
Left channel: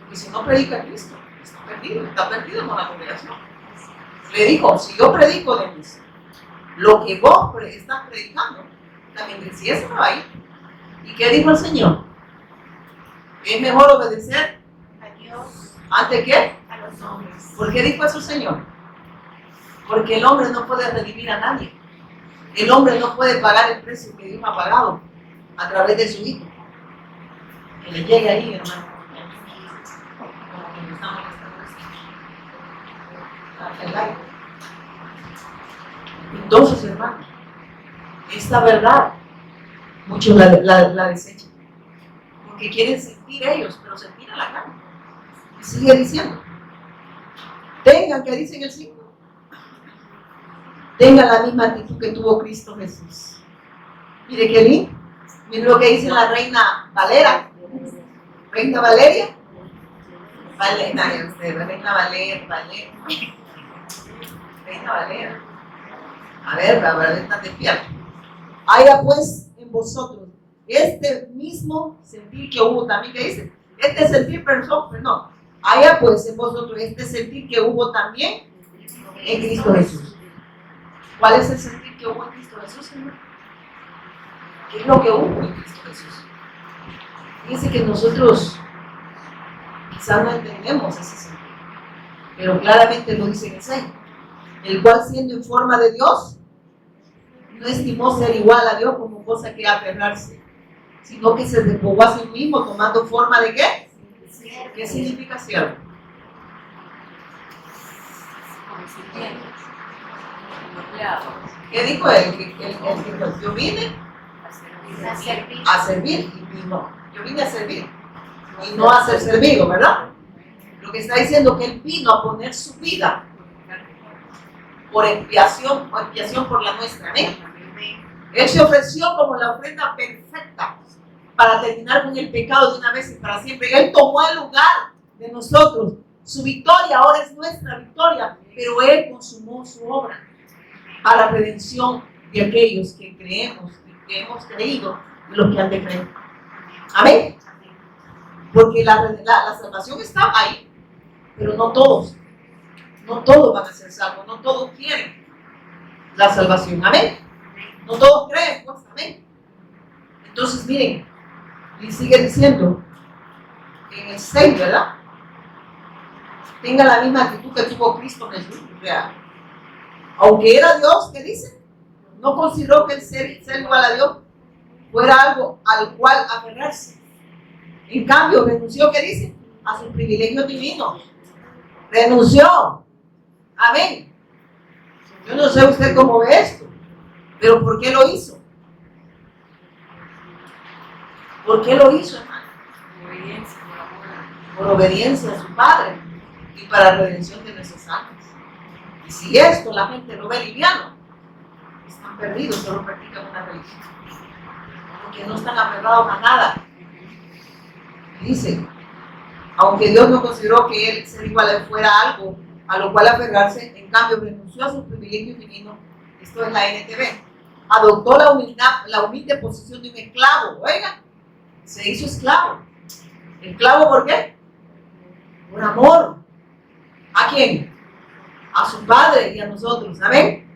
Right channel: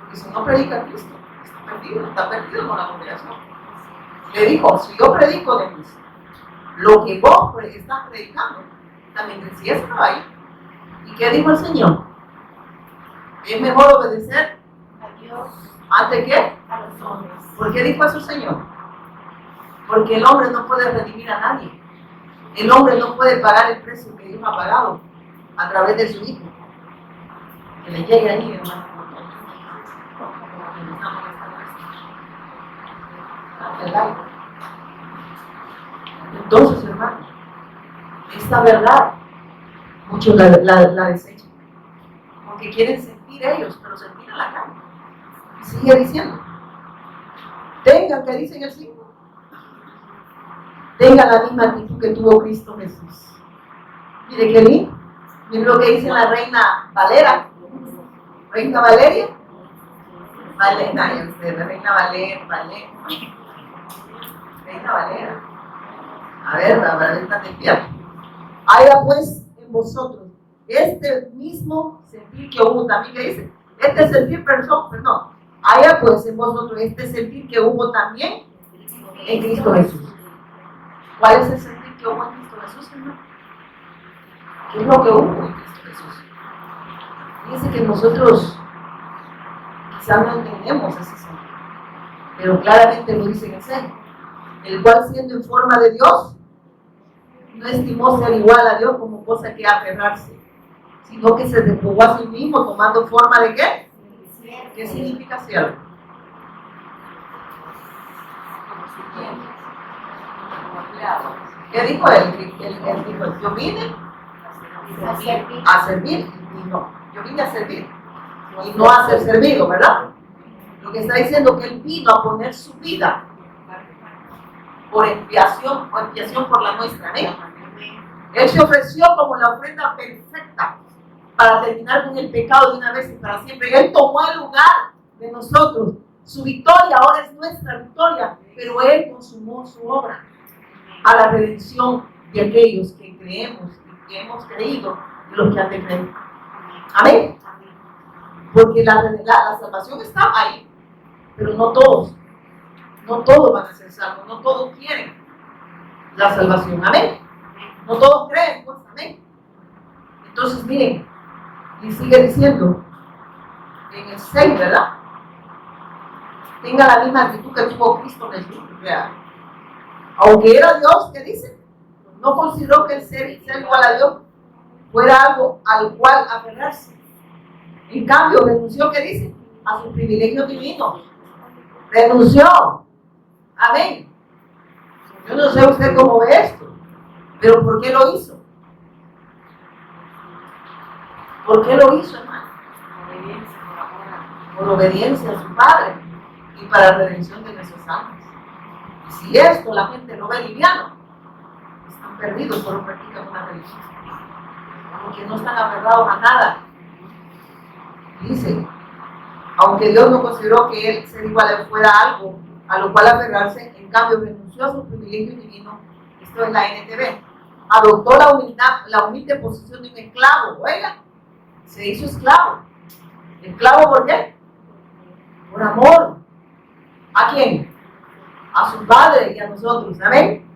Porque si no predica a Cristo, está perdido con la congregación. Le dijo, si yo predico de Cristo, lo que vos estás predicando, también decía ese va a ir. ¿Y qué dijo el Señor? Es mejor obedecer a Dios antes que a los hombres. ¿Por qué dijo eso el Señor? Porque el hombre no puede redimir a nadie. El hombre no puede pagar el precio que Dios ha pagado a través de su Hijo. Que le llegue ahí, hermano. Entonces, hermano, esta verdad muchos la desechan porque quieren sentir ellos, pero sentir a la carne. Y sigue diciendo, tengan, que dicen el 5, tengan la misma actitud que tuvo Cristo Jesús. Mire qué lindo. Mire lo que dice la Reina Valera. Reina Valeria. Valera, Reina Valera. Reina Valera. A ver, está despierta. Haya pues en vosotros este mismo sentir que hubo también, que dice, este sentir, perdón, haya pues en vosotros este sentir que hubo también en Cristo Jesús. ¿Cuál es el sentir que hubo en Cristo Jesús, hermano? ¿Qué es lo que hubo en Cristo Jesús? Fíjense que nosotros quizás no entendemos ese sentir, pero claramente lo dice en el 6, el cual siendo en forma de Dios, no estimó ser igual a Dios como cosa que aferrarse, sino que se despojó a sí mismo tomando forma de ¿qué? ¿Qué significa siervo? ¿Qué dijo él? Dijo, yo vine a servir y no. Yo vine a servir y no a ser servido, ¿verdad? Lo que está diciendo que él vino a poner su vida por expiación por la nuestra, ¿eh? Él se ofreció como la ofrenda perfecta para terminar con el pecado de una vez y para siempre. Él tomó el lugar de nosotros. Su victoria ahora es nuestra victoria, pero Él consumó su obra a la redención de aquellos que creemos y que hemos creído y los que han de creer. Amén. Porque la salvación está ahí, pero no todos van a ser salvos, no todos quieren la salvación. Amén. No todos creen, pues, amén. Entonces, miren, Y sigue diciendo, en el 6, ¿verdad? Tenga la misma actitud que tuvo Cristo en el mundo. Aunque era Dios, ¿qué dice? No consideró que el ser igual a Dios fuera algo al cual aferrarse. En cambio, renunció, ¿qué dice? A sus privilegios divinos. Renunció. Amén. Yo no sé usted cómo ve esto, pero ¿por qué lo hizo? ¿Por qué lo hizo, hermano? Obediencia, por amor. Por obediencia a su Padre y para redención de nuestras almas. Y si esto la gente lo ve liviano, están perdidos, solo practican una religión, porque no están aferrados a nada. Dice, aunque Dios no consideró que él ser igual a él fuera algo a lo cual aferrarse, en cambio renunció a sus privilegios divinos. Esto es la NTV. Adoptó la humilde posición de un esclavo. Oiga, se hizo esclavo. ¿Esclavo por qué? Por amor. ¿A quién? A su Padre y a nosotros. ¿Amén?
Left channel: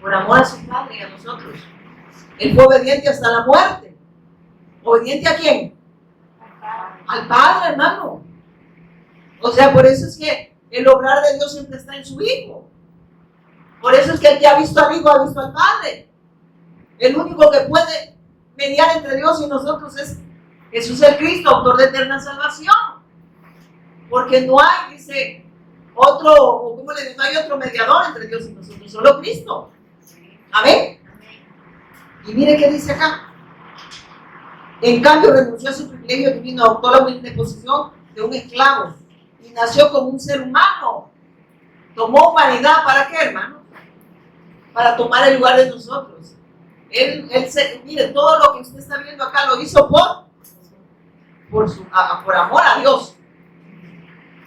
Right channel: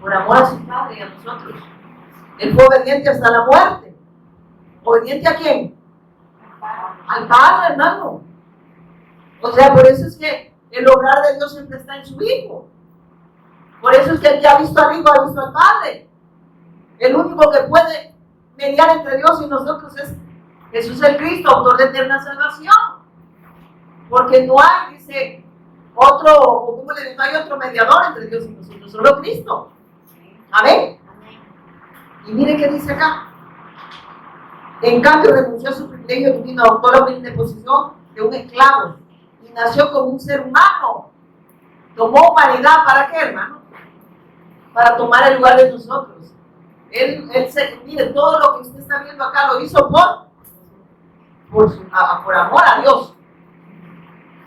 Por amor a su Padre y a nosotros. Él fue obediente hasta la muerte. ¿Obediente a quién? Al Padre, hermano. O sea, por eso es que el obrar de Dios siempre está en su Hijo. Por eso es que el que ha visto al Hijo ha visto al Padre. El único que puede mediar entre Dios y nosotros es Jesús el Cristo, autor de eterna salvación. Porque no hay, dice, otro, o como le digo, no hay otro mediador entre Dios y nosotros, solo Cristo. Amén. Y mire qué dice acá. En cambio, renunció a su privilegio divino, adoptó la humilde posición de un esclavo y nació como un ser humano. Tomó humanidad, ¿para qué, hermano? Para tomar el lugar de nosotros. Mire, todo lo que usted está viendo acá lo hizo por amor a Dios.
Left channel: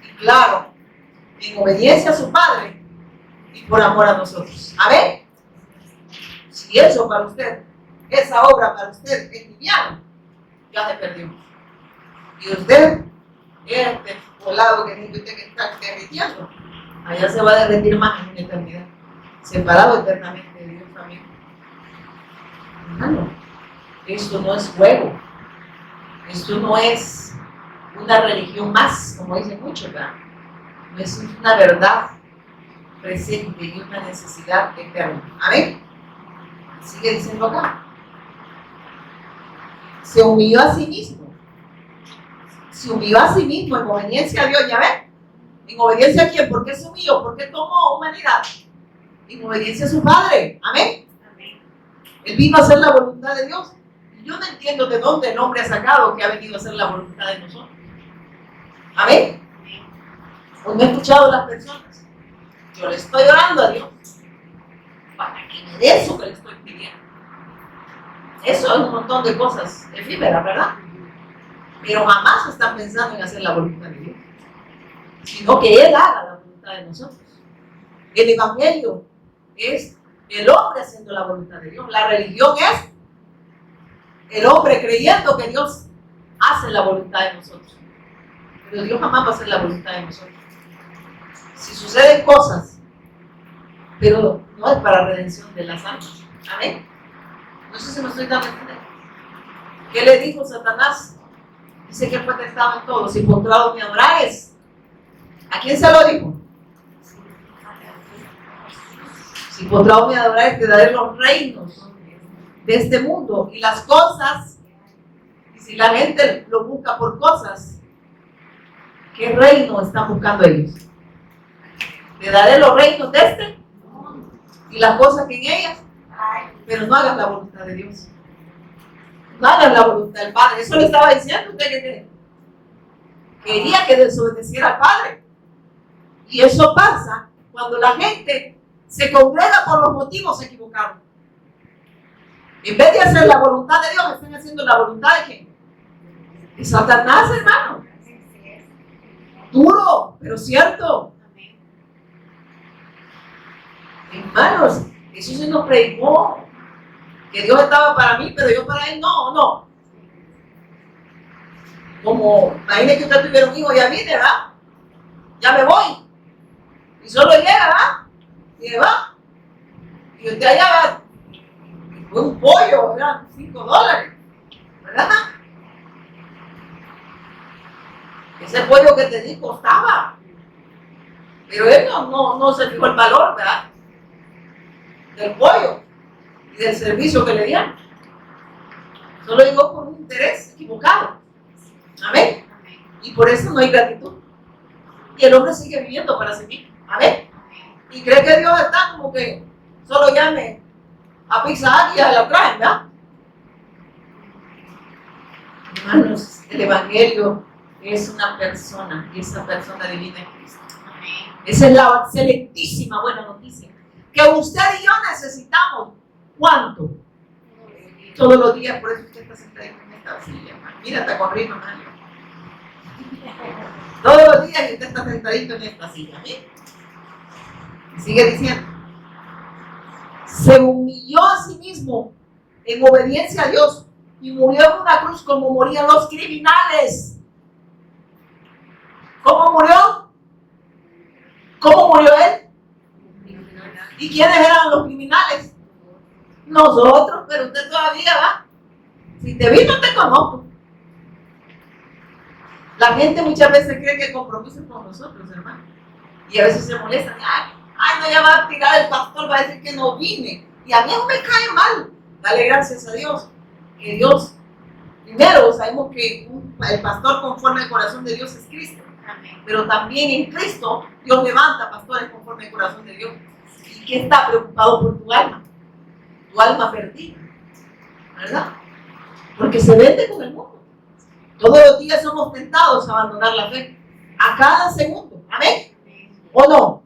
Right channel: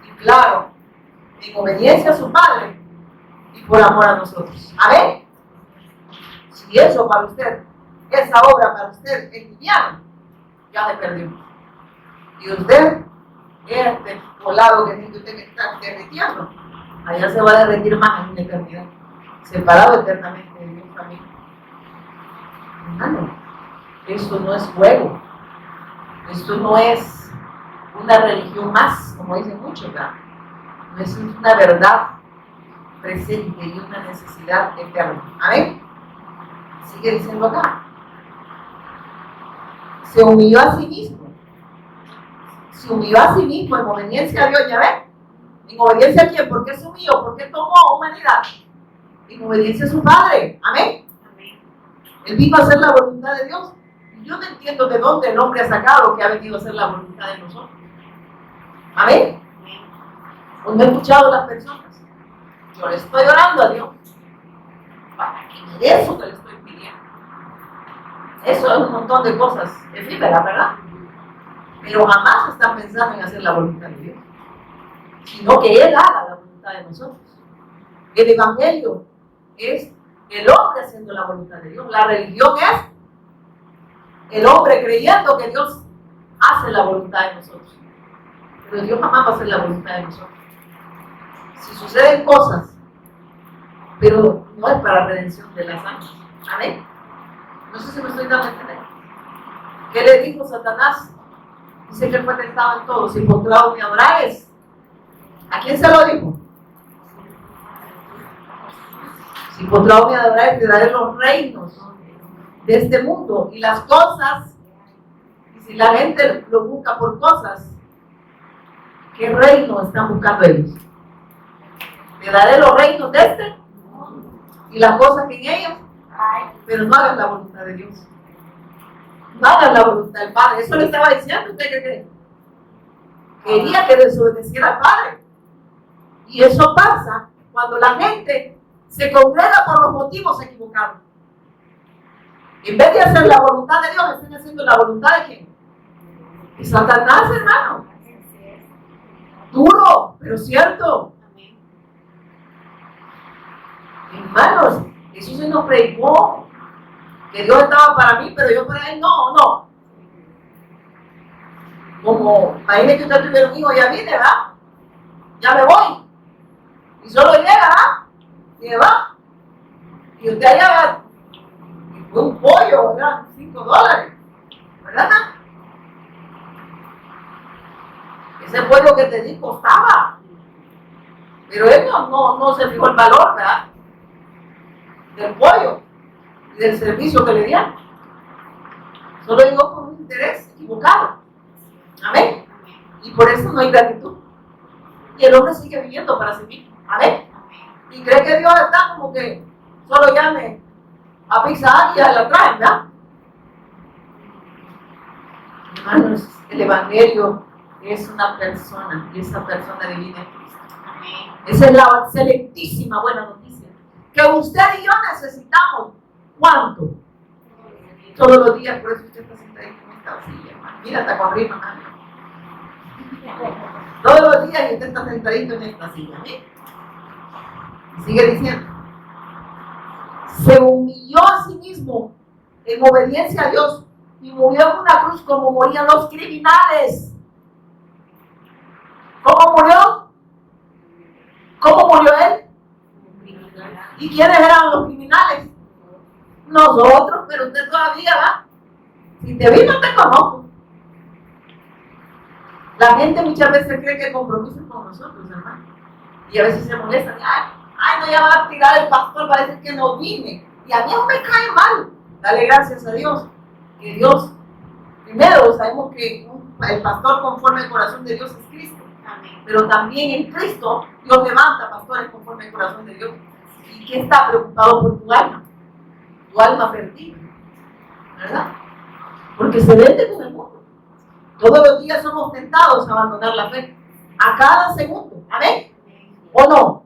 Y claro, en obediencia a su Padre y por amor a nosotros. Amén. Si eso para usted, esa obra para usted es liviana, ya se perdió. Y usted, este volado que dice usted que está derritiendo, allá se va a derretir más en la eternidad, separado eternamente de Dios, familia. Hermano, esto no es juego, esto no es una religión más, como dicen muchos, ¿verdad? No es una verdad presente y una necesidad eterna. Amén. Sigue diciendo acá. Se humilló a sí mismo. Se humilló a sí mismo en obediencia a Dios, ¿ya ven? ¿En obediencia a quién? ¿Por qué se humilló? ¿Por qué tomó humanidad? En obediencia a su Padre. Amén. Él vino a hacer la voluntad de Dios. Y yo no entiendo de dónde el hombre ha sacado que ha venido a hacer la voluntad de nosotros. Amén. Pues no he escuchado a las personas. Yo le estoy orando a Dios para que me dé eso que le estoy pidiendo. Eso es un montón de cosas efímeras, ¿verdad? Pero jamás están pensando en hacer la voluntad de Dios, sino que Él haga la voluntad de nosotros. El Evangelio es el hombre haciendo la voluntad de Dios. La religión es el hombre creyendo que Dios hace la voluntad de nosotros. Pero Dios jamás va a hacer la voluntad de nosotros. Si suceden cosas, pero no es para redención de las almas. Amén. No sé si me estoy dando a entender. ¿Qué le dijo Satanás? Dice que fue tentado en todo. Si postrado me adorares. ¿A quién se lo dijo? Si postrado me adorares, te daré los reinos de este mundo y las cosas. Y si la gente lo busca por cosas, ¿qué reino están buscando ellos? Te daré los reinos de este y las cosas que en ellas, pero no hagas la voluntad de Dios. No hagas la voluntad del Padre. Eso le estaba diciendo usted que quería que desobedeciera al Padre. Y eso pasa cuando la gente se congrega por los motivos equivocados. En vez de hacer la voluntad de Dios, están haciendo la voluntad de ¿quién? De Satanás, hermano. Duro, pero cierto. Hermanos, eso se nos predicó, que Dios estaba para mí, pero yo para Él no. Como, imagínese que usted tuviera un hijo, ya viene, ¿verdad? Ya me voy. Y solo llega, ¿verdad? Y se va. Y usted allá va, fue un pollo, ¿verdad? $5, ¿verdad? Ese pollo que te di costaba. Pero él no se fijó el valor, ¿verdad? Del pollo y del servicio que le dieron. Solo llegó con un interés equivocado. Amén. Y por eso no hay gratitud. Y el hombre sigue viviendo para sí mismo. Amén. Y cree que Dios está como que solo llame a Pizza Hut y a la traen, ¿verdad? Hermanos, el Evangelio es una persona y esa persona divina es Cristo. Esa es la excelentísima buena noticia que usted y yo necesitamos. ¿Cuánto? Todos los días, por eso usted está sentado en esta silla, hermano. Mira, está con ritmo, hermano. Todos los días usted está sentadito en esta silla. ¿Sí? Y sigue diciendo, se humilló a sí mismo en obediencia a Dios y murió en una cruz como morían los criminales. ¿Cómo murió? ¿Cómo murió él? ¿Y quiénes eran los criminales? Nosotros, pero usted todavía va. Si te vi, no te conozco. La gente muchas veces cree que compromiso es con nosotros, hermano. Y a veces se molestan. Ay, no, ya va a tirar el pastor, va a decir que no vine. Y a mí no me cae mal. Dale gracias a Dios. Que Dios, primero sabemos que el pastor conforme al corazón de Dios es Cristo. Pero también en Cristo Dios levanta pastores conforme al corazón de Dios. ¿Y qué está preocupado por tu alma perdida? ¿Verdad? Porque se vende con el mundo. Todos los días somos tentados a abandonar la fe. A cada segundo. ¿Amén? ¿O no?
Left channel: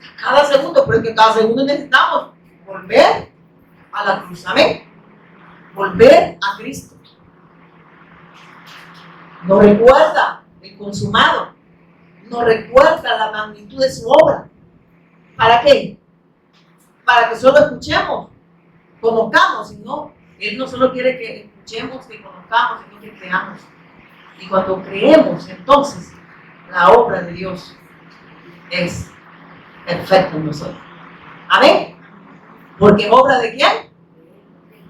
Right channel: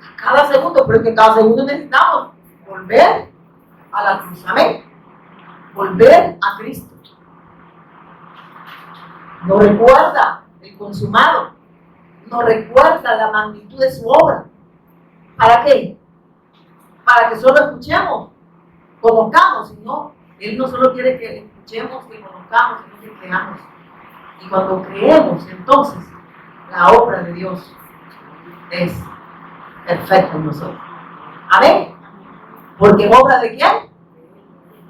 A cada segundo, pero es que cada segundo necesitamos volver a la cruz. ¿Amén? Volver a Cristo. Nos recuerda el consumado. Nos recuerda la magnitud de su obra. ¿Para qué? Para que solo escuchemos, conozcamos, sino Él no solo quiere que escuchemos, que conozcamos, sino que creamos. Y cuando creemos, entonces, la obra de Dios es perfecta en nosotros. ¿Amén? Porque es obra de quién?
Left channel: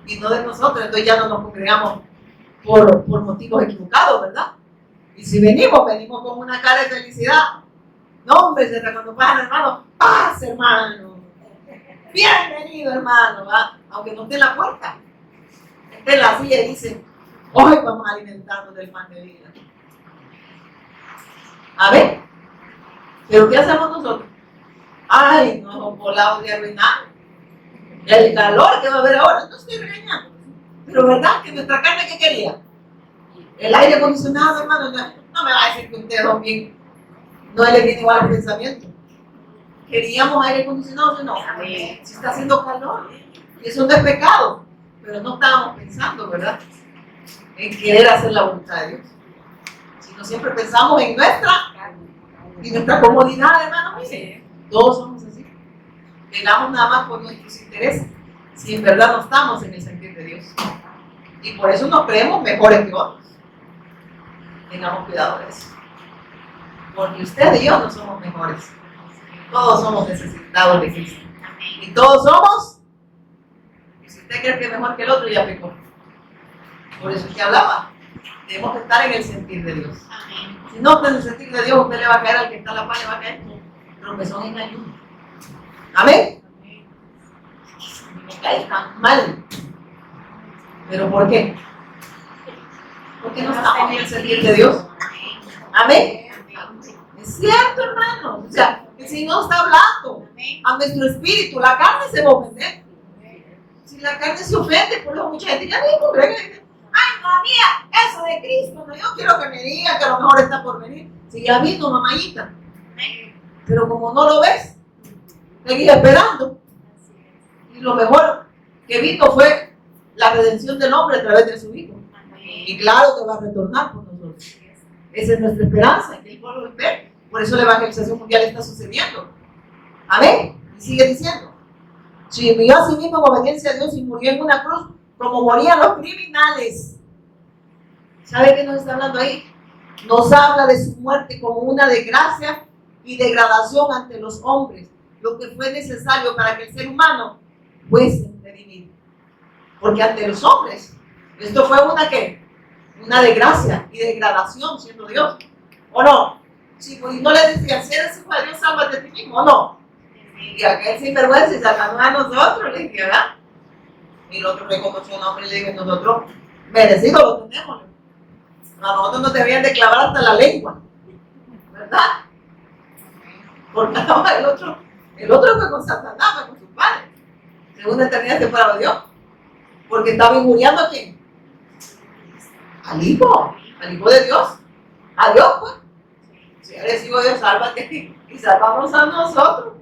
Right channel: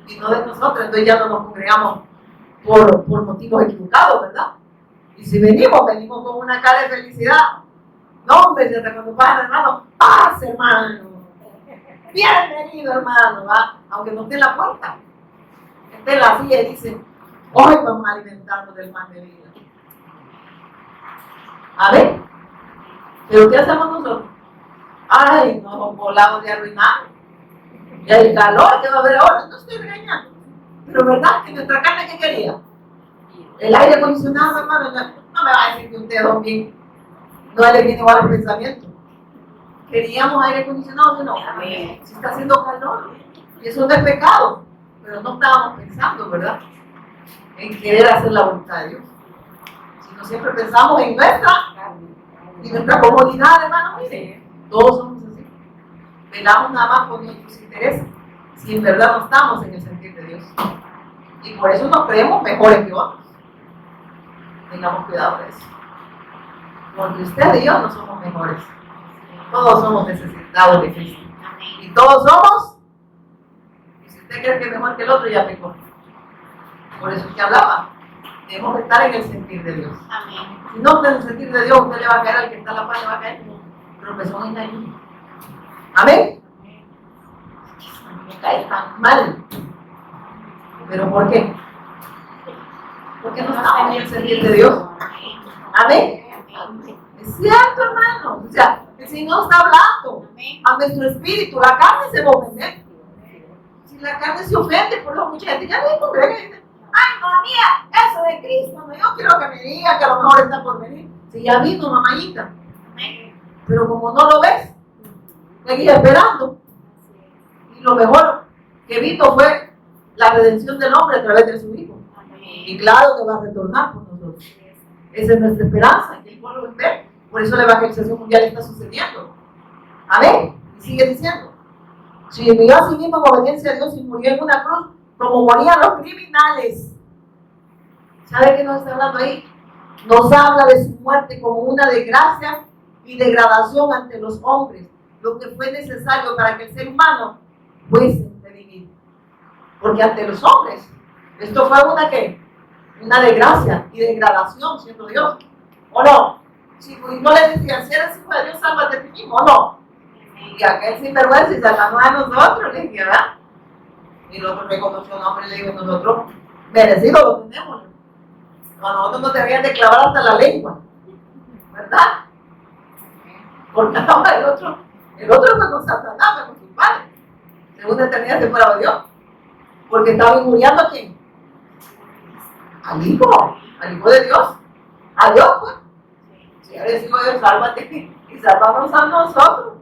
Y no de nosotros. Entonces ya no nos congregamos por motivos equivocados, ¿verdad? Y si venimos con una cara de felicidad. No, hombre, desde cuando pasa, hermano, paz, hermano. Bienvenido, hermano, ¿va? Aunque no esté en la puerta. Esté en la silla y dice, hoy vamos a alimentarnos del pan de vida. A ver, pero ¿qué hacemos nosotros? Ay, nos volados de arruinar. El calor que va a haber ahora, no estoy regañando. Pero ¿verdad que nuestra carne qué quería? El aire acondicionado, hermano, no me va a decir que ustedes son bien, no le viene igual el pensamiento. Queríamos aire acondicionado, no. Si está haciendo calor, y eso no es pecado, pero no estábamos pensando, ¿verdad? En querer hacer la voluntad de Dios. Sino siempre pensamos en nuestra comodidad, hermano. Mire, todos somos así. Velamos nada más por nuestros intereses, si en verdad no estamos en el sentir de Dios. Y por eso nos creemos mejores que otros. Tengamos cuidado de eso. Porque usted y yo no somos mejores. Todos somos necesitados de Cristo. Y todos somos. Y si usted cree que es mejor que el otro, ya pecó. Por eso es que hablaba. Debemos estar en el sentir de Dios. Amén. Si no está en el sentir de Dios, usted le va a caer al que está a la par, le va a caer. Tropezón en ayuno. Amén. A mí me cae tan mal. ¿Pero por qué? Porque no estamos en el sentir de Dios. Amén. Es cierto, hermano. O sea, el Señor está hablando a nuestro espíritu. La carne se va a ofender. Si la carne se ofende, por lo mucha gente ya me congrega y dice, ay, no, mía, eso de Cristo, no, yo quiero que me diga que a lo mejor está por venir. Si ya vino, mamayita. Pero como no lo ves, seguí esperando. Y lo mejor que vino fue la redención del hombre a través de su Hijo. Y claro que va a retornar por nosotros. Esa es nuestra esperanza, que Él vuelva a ver. Por eso la evangelización mundial está sucediendo. Amén. Y sigue diciendo, si vivió a sí mismo en obediencia a Dios y murió en una cruz, como morían los criminales. ¿Sabe qué nos está hablando ahí? Nos habla de su muerte como una desgracia y degradación ante los hombres, lo que fue necesario para que el ser humano fuese redimido. Porque ante los hombres, esto fue una ¿qué? una desgracia y degradación siendo Dios, ¿o no? Si pues, no le decían, si eres hijo de Dios, sálvate a ti mismo, ¿o no? Y aquel sinvergüenza y salvando a nosotros, le dije, ¿verdad? Y el otro reconoció, no, hombre, le dije, nosotros merecido lo tenemos. A nosotros nos deberían de clavar hasta la lengua, ¿verdad? Porque ahora el otro fue con Satanás, fue con su padre. Según eternidad separado de Dios. Porque estaba injuriando a quién? Al hijo de Dios. A Dios, pues. Si eres hijo de Dios, sálvate y sálvanos a nosotros.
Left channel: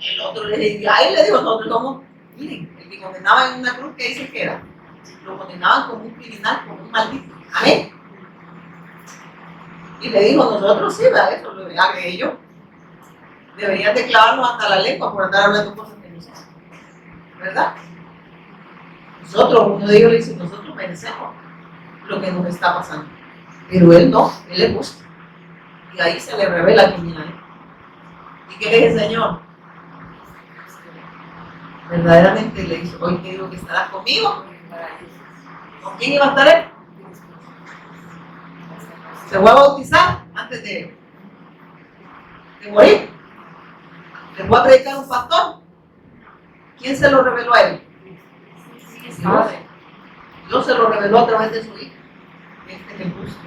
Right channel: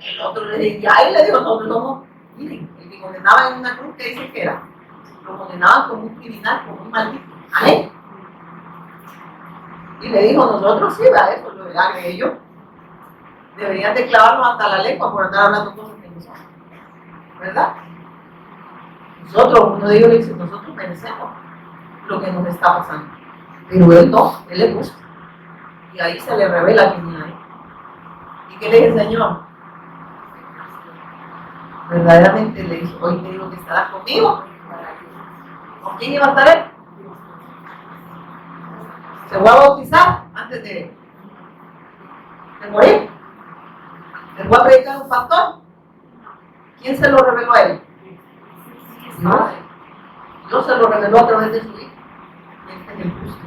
El otro le dijo, ahí le dijo, nosotros somos, miren, el que condenaba en una cruz, ¿qué dice que era? Lo condenaban como un criminal, como un maldito. Amén. Y le dijo, nosotros sí, ¿verdad? Eso lo agregué ellos. Deberían de clavarnos hasta la lengua por andar hablando cosas que no saben. ¿Verdad? Nosotros, uno de ellos le dice, nosotros merecemos lo que nos está pasando. Pero él no, él le gusta. Y ahí se le revela quién era él. ¿Y qué le dice el Señor? Verdaderamente le dice, hoy te digo que estarás conmigo. ¿Con quién iba a estar él? Se fue a bautizar antes de morir. Le fue a predicar un pastor. ¿Quién se lo reveló a él? Dios se lo reveló a través de su hijo. Este es el justo.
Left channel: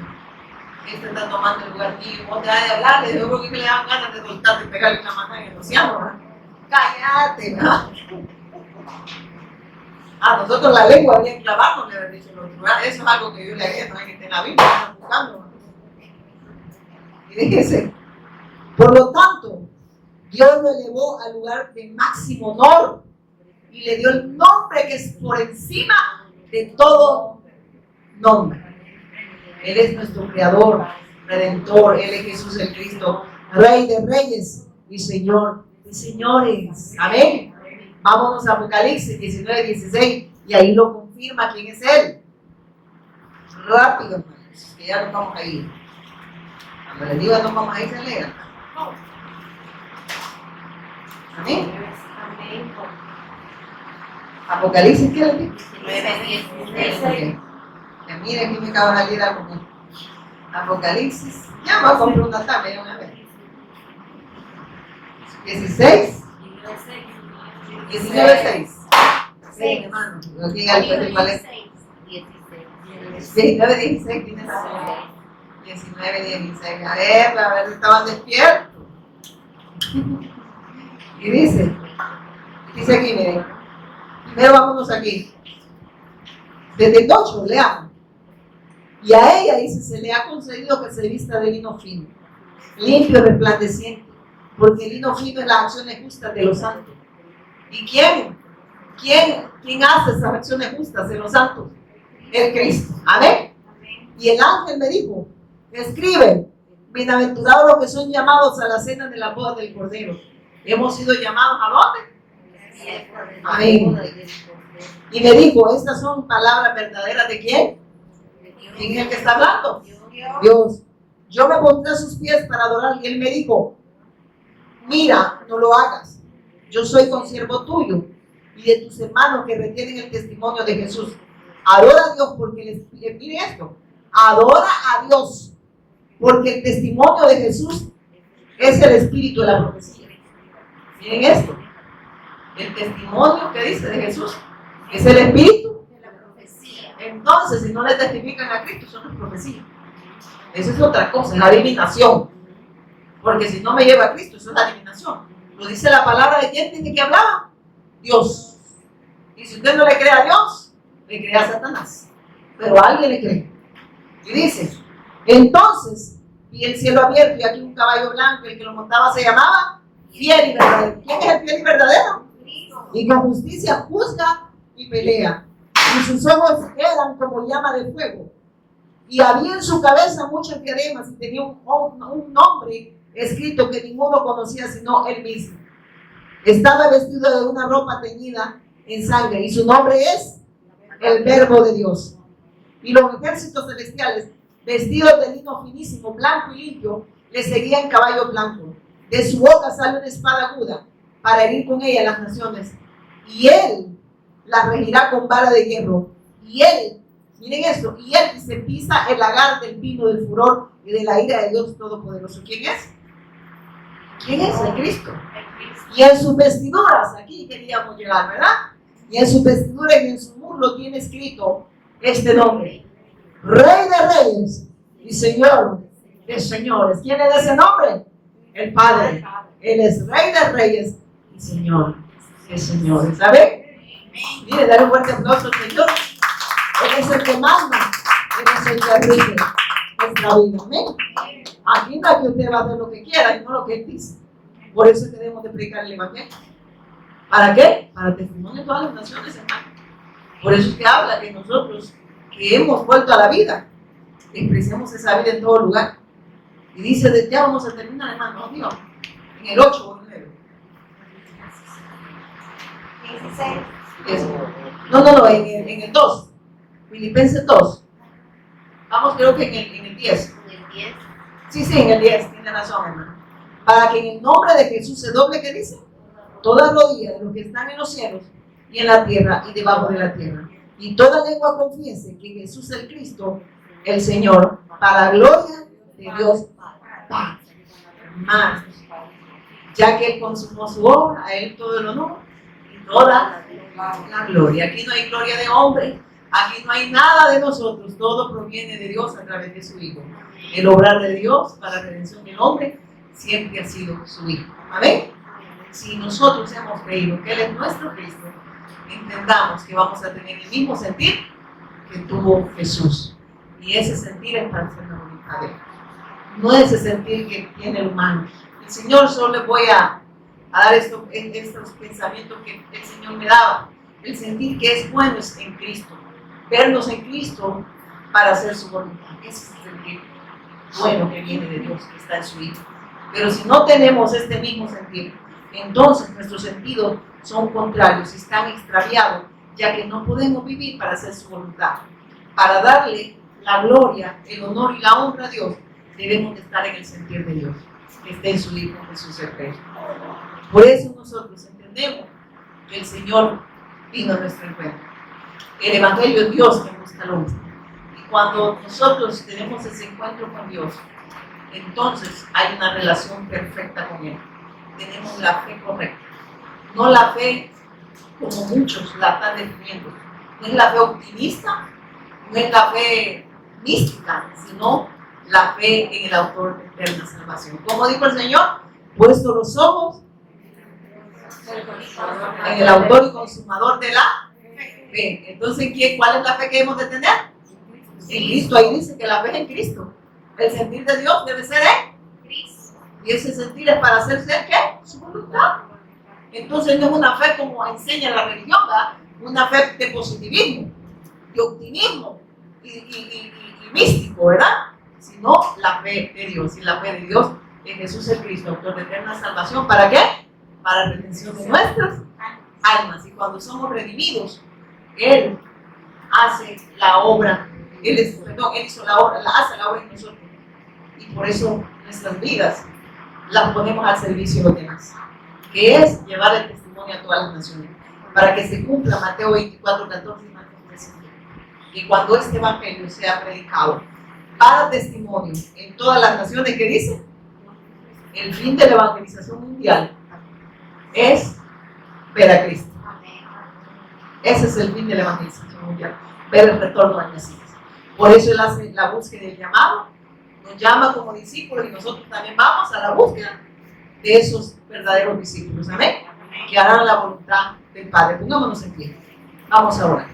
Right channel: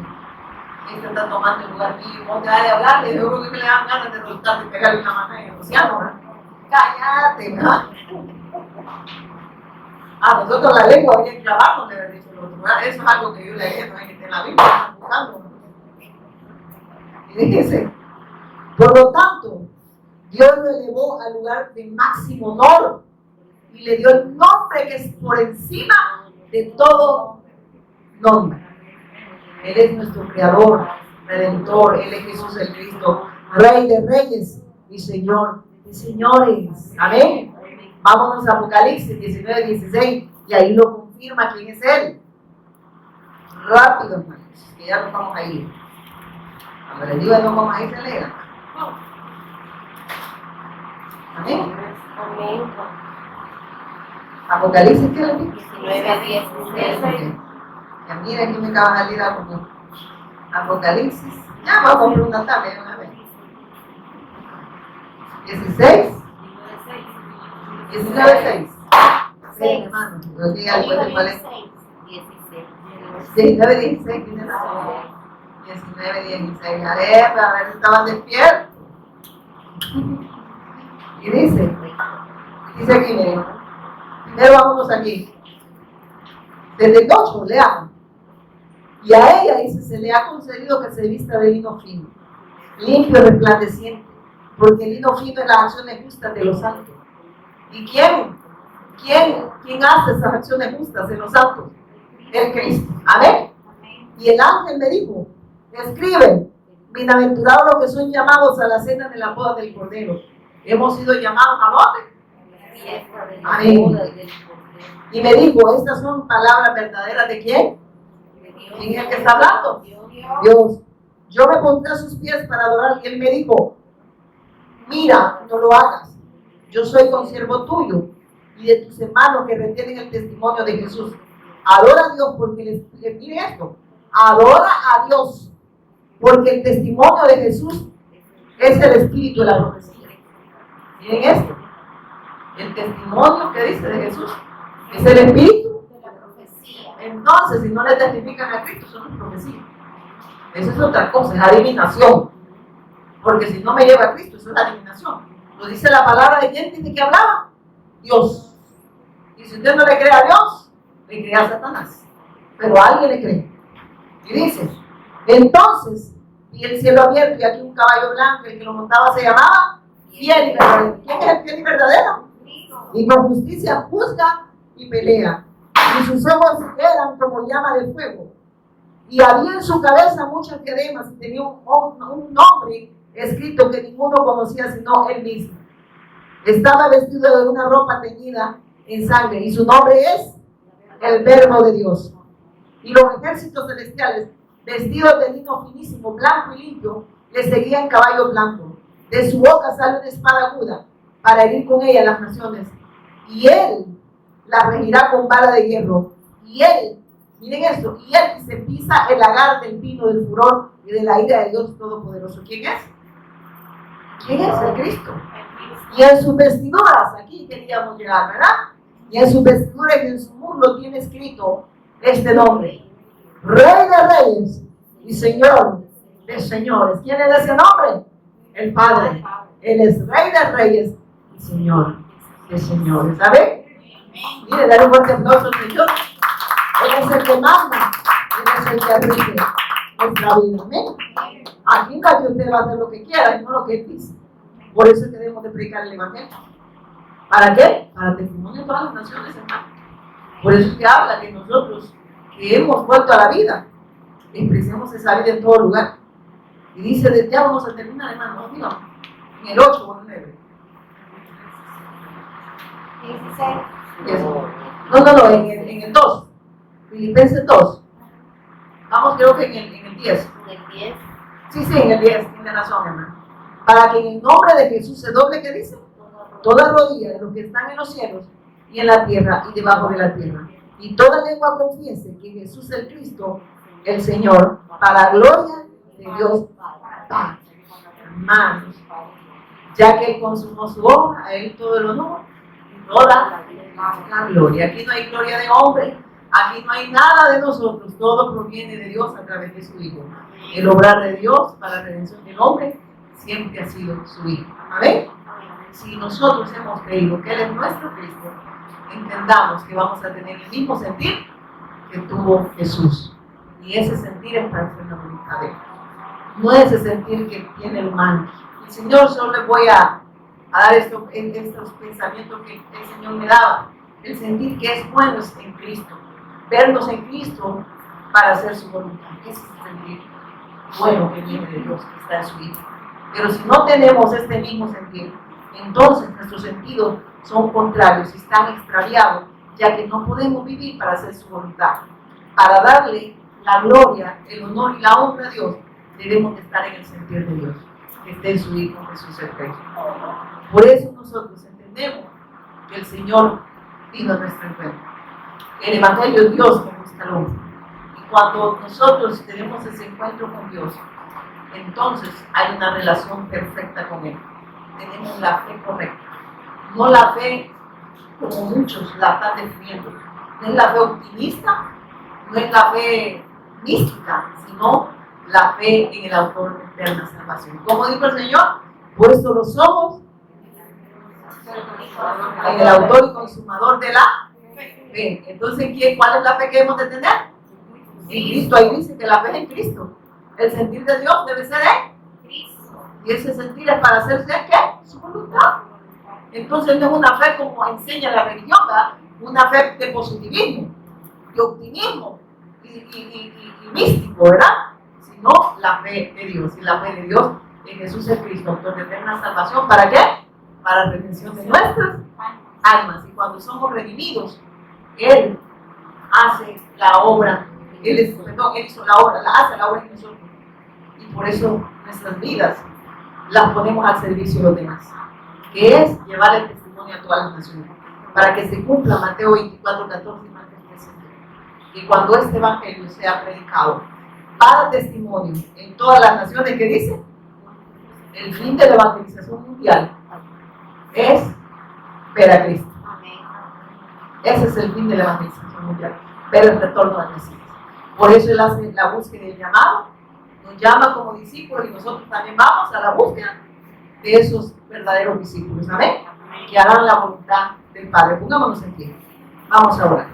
Este está tomando el lugar mío. Vos te vas de hablarle. Yo creo que le dan ganas de soltarte y pegarle una mano en el océano, ¿verdad? Cállate, ¿verdad? A nosotros la lengua había que clavarnos, le había dicho el otro, ¿verdad? Eso es algo que yo le agregué, no hay que estar en la Biblia, están buscando. Y dice, por lo tanto, Dios lo elevó al lugar de máximo honor y le dio el nombre que es por encima de todo nombre. Él es nuestro creador, redentor, Él es Jesús el Cristo, Rey de reyes y Señor de señores. Amén. Vámonos a Apocalipsis 19:16 y ahí lo confirma quién es Él. Rápido, hermanos, que ya nos vamos a ir. Cuando les digo que nos vamos a ir, se alegra. Amén. Amén. Apocalipsis, ¿qué le digo? 19:16. Ya mira, aquí me acaba de salir algo. Apocalipsis. Ya vamos a comprar una tabla una vez. 16. 19:6. Sí, hermano. Yo diga después de cuál es. 19:16 tiene razón. 19:16. A ver si estaban despiertos. Y dice aquí, miren. Primero vámonos aquí. Desde el 8, leamos. Y a ella, dice, se le ha concedido que se vista de lino fino, limpio y resplandeciente, porque el lino fino es las acciones justas de los santos. ¿Y quién hace esas acciones justas de los santos? El Cristo. Amén. Y el ángel me dijo, escribe, bienaventurados los que son llamados a la cena de la boda del Cordero. Hemos sido llamados ¿a dónde? Amén. Y me dijo, estas son palabras verdaderas de quién? ¿Quién es el que está hablando? Dios. Yo me pondré a sus pies para adorar. Y él me dijo, mira, no lo hagas. Yo soy consiervo tuyo y de tus hermanos que retienen el testimonio de Jesús. Adora a Dios porque mire esto. Adora a Dios porque el testimonio de Jesús es el espíritu de la profecía. Miren esto. El testimonio que dice de Jesús es el espíritu de la profecía. Entonces, si no le testifican a Cristo, eso no es profecía. Eso es otra cosa, es adivinación. Porque si no me lleva a Cristo, eso es adivinación. Lo dice la palabra de quién tiene que hablar. Dios. Y si usted no le cree a Dios, le cree a Satanás. Pero a alguien le cree. Y dice, entonces, vi el cielo abierto y aquí un caballo blanco, el que lo montaba se llamaba Fiel y Verdadero. ¿Quién es el fiel y verdadero? Y con justicia juzga y pelea. Y sus ojos eran como llama de fuego. Y había en su cabeza muchas diademas y tenía un nombre escrito que ninguno conocía sino él mismo. Estaba vestido de una ropa teñida en sangre y su nombre es el Verbo de Dios. Y los ejércitos celestiales, vestidos de lino finísimo, blanco y limpio, le seguían en caballo blanco. De su boca sale una espada aguda para herir con ella las naciones. Y él la regirá con vara de hierro. Y él Miren esto, y él se pisa el lagar del vino del furor y de la ira de Dios Todopoderoso. ¿Quién es? ¿Quién es? El Cristo. Y en sus vestiduras, aquí queríamos llegar, ¿verdad? Y en su vestidura y en su muslo tiene escrito este nombre: Rey de Reyes y Señor de Señores. ¿Quién es ese nombre? El Padre. Él es Rey de Reyes y Señor de Señores. ¿Sabe? Mire, dale un fuerte aplauso al Señor. Él es el que manda. Él es el que rige nuestra vida. Amén. Aquí no es que usted va a hacer lo que quiera y no lo que él dice. Por eso debemos de predicar el Evangelio. ¿Para qué? Para testimonio de todas las naciones, hermano. Por eso es que habla que nosotros, que hemos vuelto a la vida, expresemos esa vida en todo lugar. Y dice, ya vamos a terminar, hermano, digo, en el 8 o el 9. 16. No, en el 2. Filipenses 2. Vamos, creo que en el 10. En el 10. Sí, en el 10, tiene razón, hermano. Para que en el nombre de Jesús se doble, ¿qué dice? Toda rodilla de los que están en los cielos y en la tierra y debajo de la tierra. Y toda lengua confiese que Jesús es el Cristo, el Señor, para gloria de Dios Padre. Hermanos, ya que Él consumó su obra, a Él todo el honor y toda la gloria. Aquí no hay gloria de hombre, aquí no hay nada de nosotros, todo proviene de Dios a través de su Hijo. El obrar de Dios para la redención del hombre siempre ha sido su Hijo. Amén. Si nosotros hemos creído que Él es nuestro Cristo, entendamos que vamos a tener el mismo sentir que tuvo Jesús. Y ese sentir es para hacer la voluntad de Él. No es ese sentir que tiene el humano. El Señor, solo le voy a dar estos pensamientos que el Señor me daba. El sentir que es bueno en Cristo. Vernos en Cristo para hacer su voluntad. Ese es el sentir bueno que viene de Dios, que está en su Hijo. Pero si no tenemos este mismo sentir, entonces nuestros sentidos son contrarios y están extraviados, ya que no podemos vivir para hacer su voluntad. Para darle la gloria, el honor y la honra a Dios, debemos de estar en el sentir de Dios, que esté en su Hijo Jesús el Cristo. Por eso nosotros entendemos que el Señor vino a nuestro encuentro. El Evangelio es Dios que busca al hombre. Y cuando nosotros tenemos ese encuentro con Dios, entonces hay una relación perfecta con Él. Tenemos la fe correcta. No la fe como muchos la están definiendo. No es la fe optimista, no es la fe mística, sino la fe en el autor de eterna salvación. Como dijo el Señor, puesto los ojos en el autor y consumador de la fe. Entonces, ¿cuál es la fe que debemos de tener? En Cristo. Ahí dice que la fe es en Cristo. El sentir de Dios debe ser en Cristo. Y ese sentir es para hacerse ¿qué? Su voluntad. Entonces no es una fe como enseña la religión, ¿verdad? Una fe de positivismo, de optimismo y místico, ¿verdad? Sino la fe de Dios. Y la fe de Dios en Jesús el Cristo, autor de eterna salvación. ¿Para qué? Para la redención de nuestras almas. Y cuando somos redimidos, Él hace la obra. Él hizo la obra, hace la obra en nosotros. Y por eso nuestras vidas las ponemos al servicio de los demás, que es llevar el testimonio a todas las naciones, para que se cumpla Mateo 24, 14 y Mateo 13. Y cuando este evangelio sea predicado para testimonio en todas las naciones, que dice, el fin de la evangelización mundial es ver a Cristo. Ese es el fin de la evangelización mundial, ver el retorno al Mesías. Por eso Él hace la búsqueda del llamado, nos llama como discípulos y nosotros también vamos a la búsqueda de esos verdaderos discípulos. Amén. Que harán la voluntad del Padre. Pongámonos en pie. Vamos a orar.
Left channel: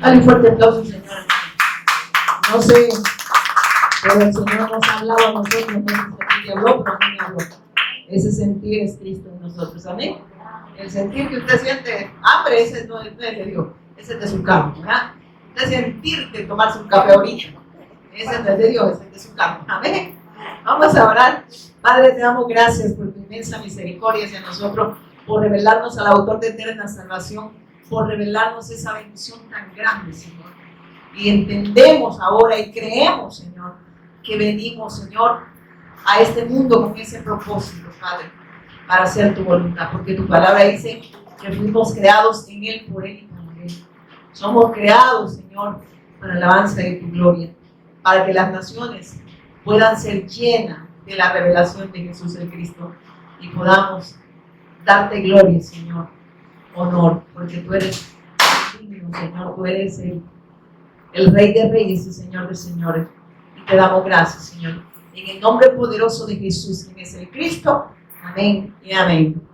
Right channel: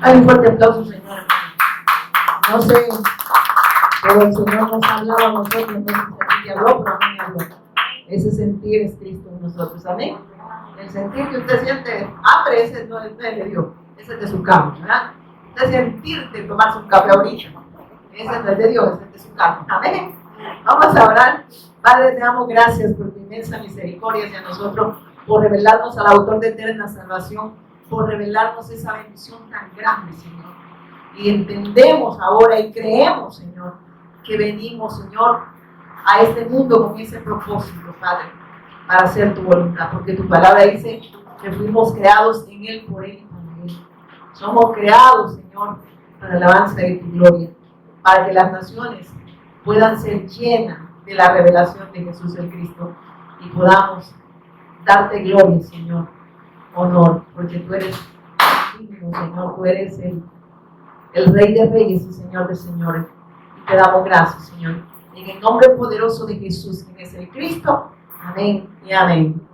Hay un fuerte aplauso, Señor. No sé, pero el Señor nos ha hablado a nosotros, no sé si habló, pero a mí me habló. Ese sentir es Cristo en nosotros. Amén. El sentir que usted siente hambre, ese no es de Dios, ese es de su carne, ¿verdad? Usted sentir de tomarse un café ahorita, ese no es de Dios, ese es de su carne. Amén. Vamos a orar. Padre, te damos gracias por tu inmensa misericordia hacia nosotros, por revelarnos al autor de eterna salvación, por revelarnos esa bendición tan grande, Señor. Y entendemos ahora y creemos, Señor, que venimos, Señor, a este mundo con ese propósito, Padre, para hacer tu voluntad, porque tu palabra dice que fuimos creados en Él, por Él y para Él. Somos creados, Señor, para la alabanza de tu gloria, para que las naciones puedan ser llenas de la revelación de Jesús el Cristo y podamos darte gloria, Señor, honor, porque tú eres digno, Señor, tú eres el Rey de Reyes y Señor de Señores. Y te damos gracias, Señor. En el nombre poderoso de Jesús, quien es el Cristo. Amén y amén.